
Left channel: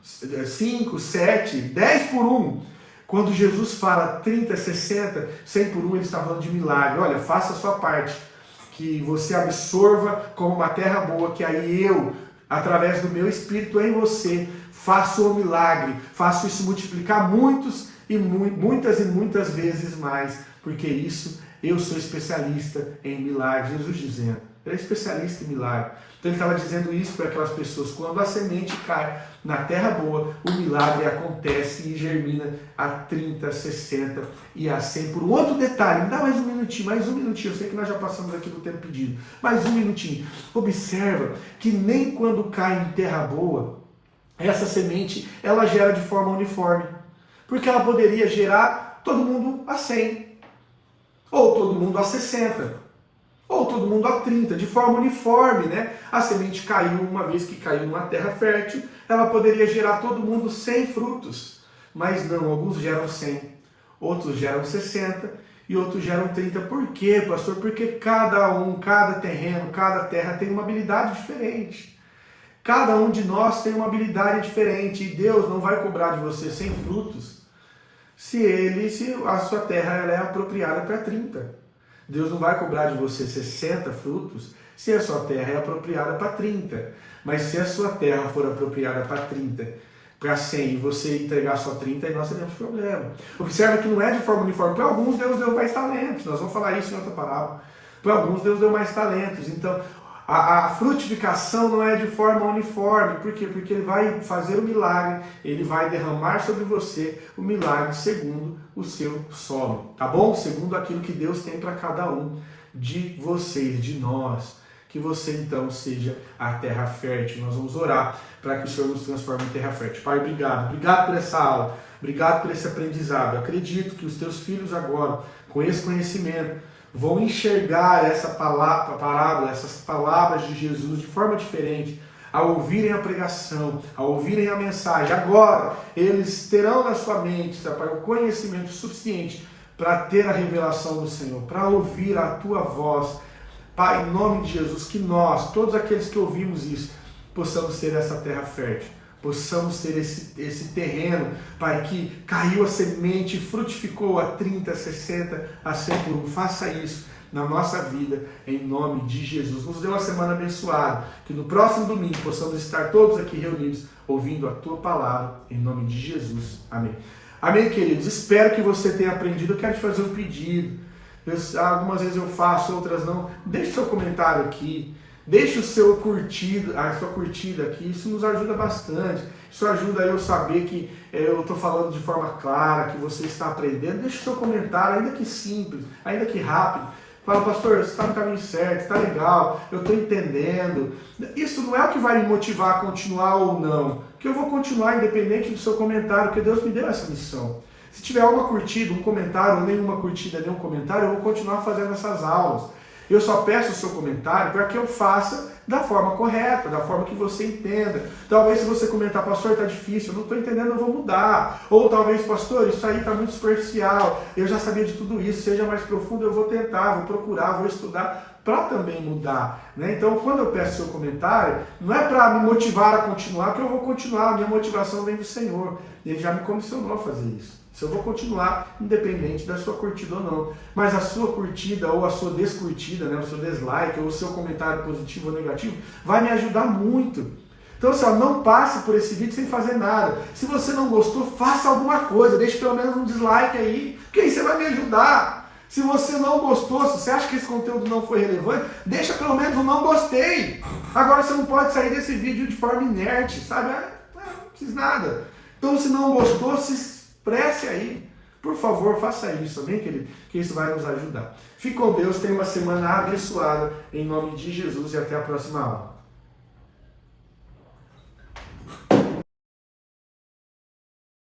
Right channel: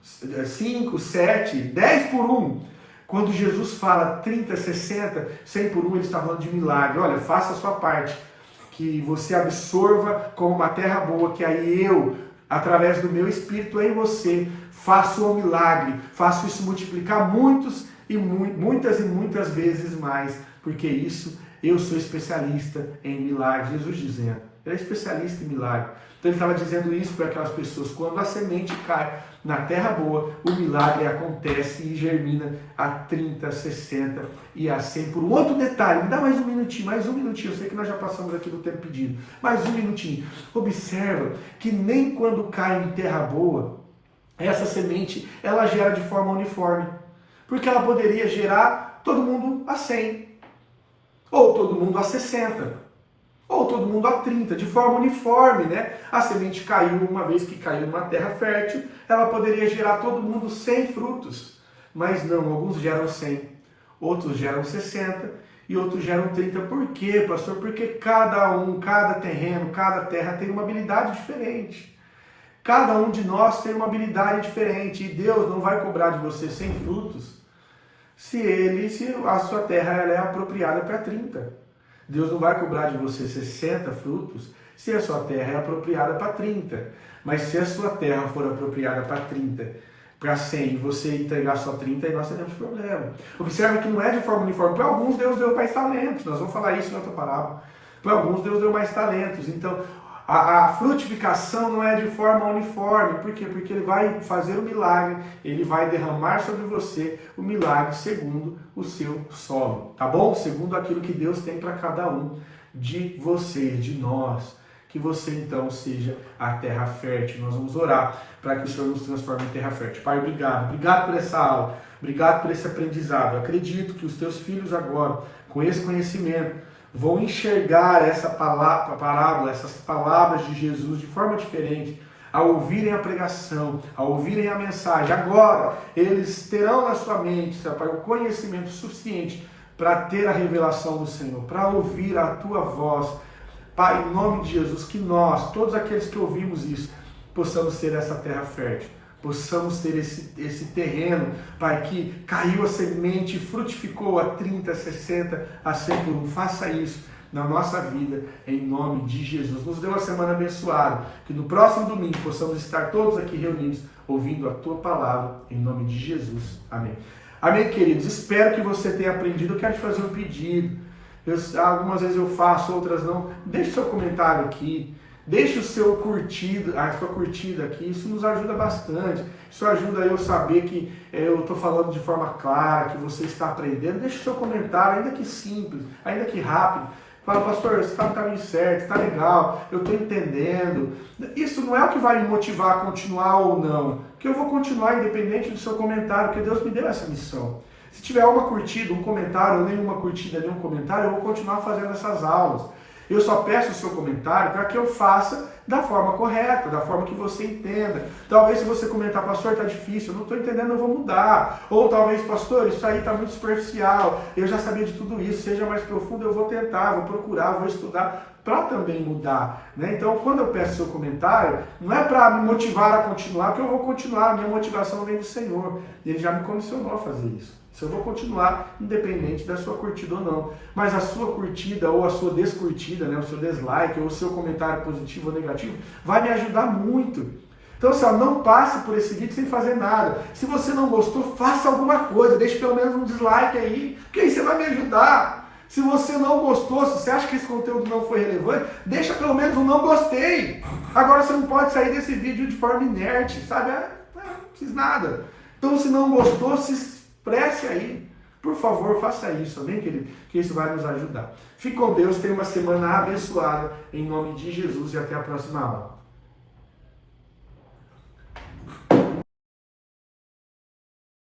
5, 7, 10 por 1. Quando Jesus fala 30, 60, 100 por 1, ele está falando de milagre. Olha, faça a sua parte, que você absorva como uma terra boa, que aí eu, através do meu Espírito em você, faço o milagre, faço isso multiplicar muitas e muitas vezes mais, porque isso, eu sou especialista em milagre. Jesus dizendo, ele é especialista em milagre. Então ele estava dizendo isso para aquelas pessoas: quando a semente cai na terra boa, o milagre acontece e germina a 30, 60 e a 100 por um. Outro detalhe, me dá mais um minutinho, eu sei que nós já passamos aqui do tempo pedido, mais um minutinho. Observa que nem quando cai em terra boa, essa semente, ela gera de forma uniforme, porque ela poderia gerar todo mundo a 100, ou todo mundo a 60, ou todo mundo a 30, de forma uniforme, né? A semente caiu, uma vez que caiu numa terra fértil, ela poderia gerar todo mundo 100 frutos. Mas não, alguns geram 100, outros geram 60 e outros geram 30. Por quê, pastor? Porque cada terreno, cada terra tem uma habilidade diferente. Cada um de nós tem uma habilidade diferente, e Deus não vai cobrar de você 100 frutos se a sua terra ela é apropriada para 30. Deus não vai cobrar de você 60 frutos se a sua terra é apropriada para 30. Mas se a sua terra for apropriada para 30, para 100, e você entregar só 30, aí nós teremos problema. Observa que não é de forma uniforme. Para alguns Deus deu mais talentos. Nós vamos falar isso em outra parábola. Para alguns Deus deu mais talentos. Então a frutificação não é de forma uniforme. Por quê? Porque ele vai fazer o milagre, ele vai derramar sobre você o milagre segundo o seu solo, tá bom? Segundo aquilo que Deus tem para cada um de vocês, de nós. Que você então seja a terra fértil. Nós vamos orar para que o Senhor nos transforme em terra fértil. Pai, obrigado por essa aula, obrigado por esse aprendizado. Eu acredito que os teus filhos agora, com esse conhecimento, vão enxergar essa parábola, essas palavras de Jesus de forma diferente, ao ouvirem a pregação, ao ouvirem a mensagem. Agora, eles terão na sua mente, Pai, o conhecimento suficiente para ter a revelação do Senhor, para ouvir a tua voz. Pai, em nome de Jesus, que nós, todos aqueles que ouvimos isso, possamos ser essa terra fértil. Possamos ter esse terreno, Pai, que caiu a semente e frutificou a 30, 60, a 100 por um. Faça isso na nossa vida, em nome de Jesus. Nos dê uma semana abençoada, que no próximo domingo possamos estar todos aqui reunidos, ouvindo a tua palavra, em nome de Jesus. Amém. Amém, queridos? Espero que você tenha aprendido. Eu quero te fazer um pedido. Algumas vezes eu faço, outras não. Deixe seu comentário aqui. Deixe o seu curtido, a sua curtida aqui, isso nos ajuda bastante. Isso ajuda eu saber que eu estou falando de forma clara, que você está aprendendo. Deixe o seu comentário, ainda que simples, ainda que rápido. Fala, pastor, você está no caminho certo, está legal, eu estou entendendo. Isso não é o que vai me motivar a continuar ou não, que eu vou continuar independente do seu comentário, porque Deus me deu essa missão. Se tiver uma curtida, um comentário, ou nenhuma curtida, nenhum comentário, eu vou continuar fazendo essas aulas. Eu só peço o seu comentário para que eu faça da forma correta, da forma que você entenda. Talvez se você comentar, pastor, está difícil, eu não estou entendendo, eu vou mudar. Ou talvez, pastor, isso aí está muito superficial, eu já sabia de tudo isso, seja mais profundo, eu vou tentar, vou procurar, vou estudar para também mudar. Né? Então, quando eu peço seu comentário, não é para me motivar a continuar, porque eu vou continuar, a minha motivação vem do Senhor. Ele já me comissionou a fazer isso. Se eu vou continuar, independente da sua curtida ou não. Mas a sua curtida ou a sua descurtida, né, o seu dislike ou o seu comentário positivo ou negativo, vai me ajudar muito. Então, assim, não passe por esse vídeo sem fazer nada. Se você não gostou, faça alguma coisa. Deixe pelo menos um dislike aí, porque aí você vai me ajudar. Se você não gostou, se você acha que esse conteúdo não foi relevante, deixa pelo menos um não gostei. Agora você não pode sair desse vídeo de forma inerte, sabe? Não precisa nada. Então, se não gostou, se expresse aí. Por favor, faça isso, amém, querido? Que isso vai nos ajudar. Fique com Deus, tenha uma semana abençoada, em nome de Jesus, e até a próxima aula.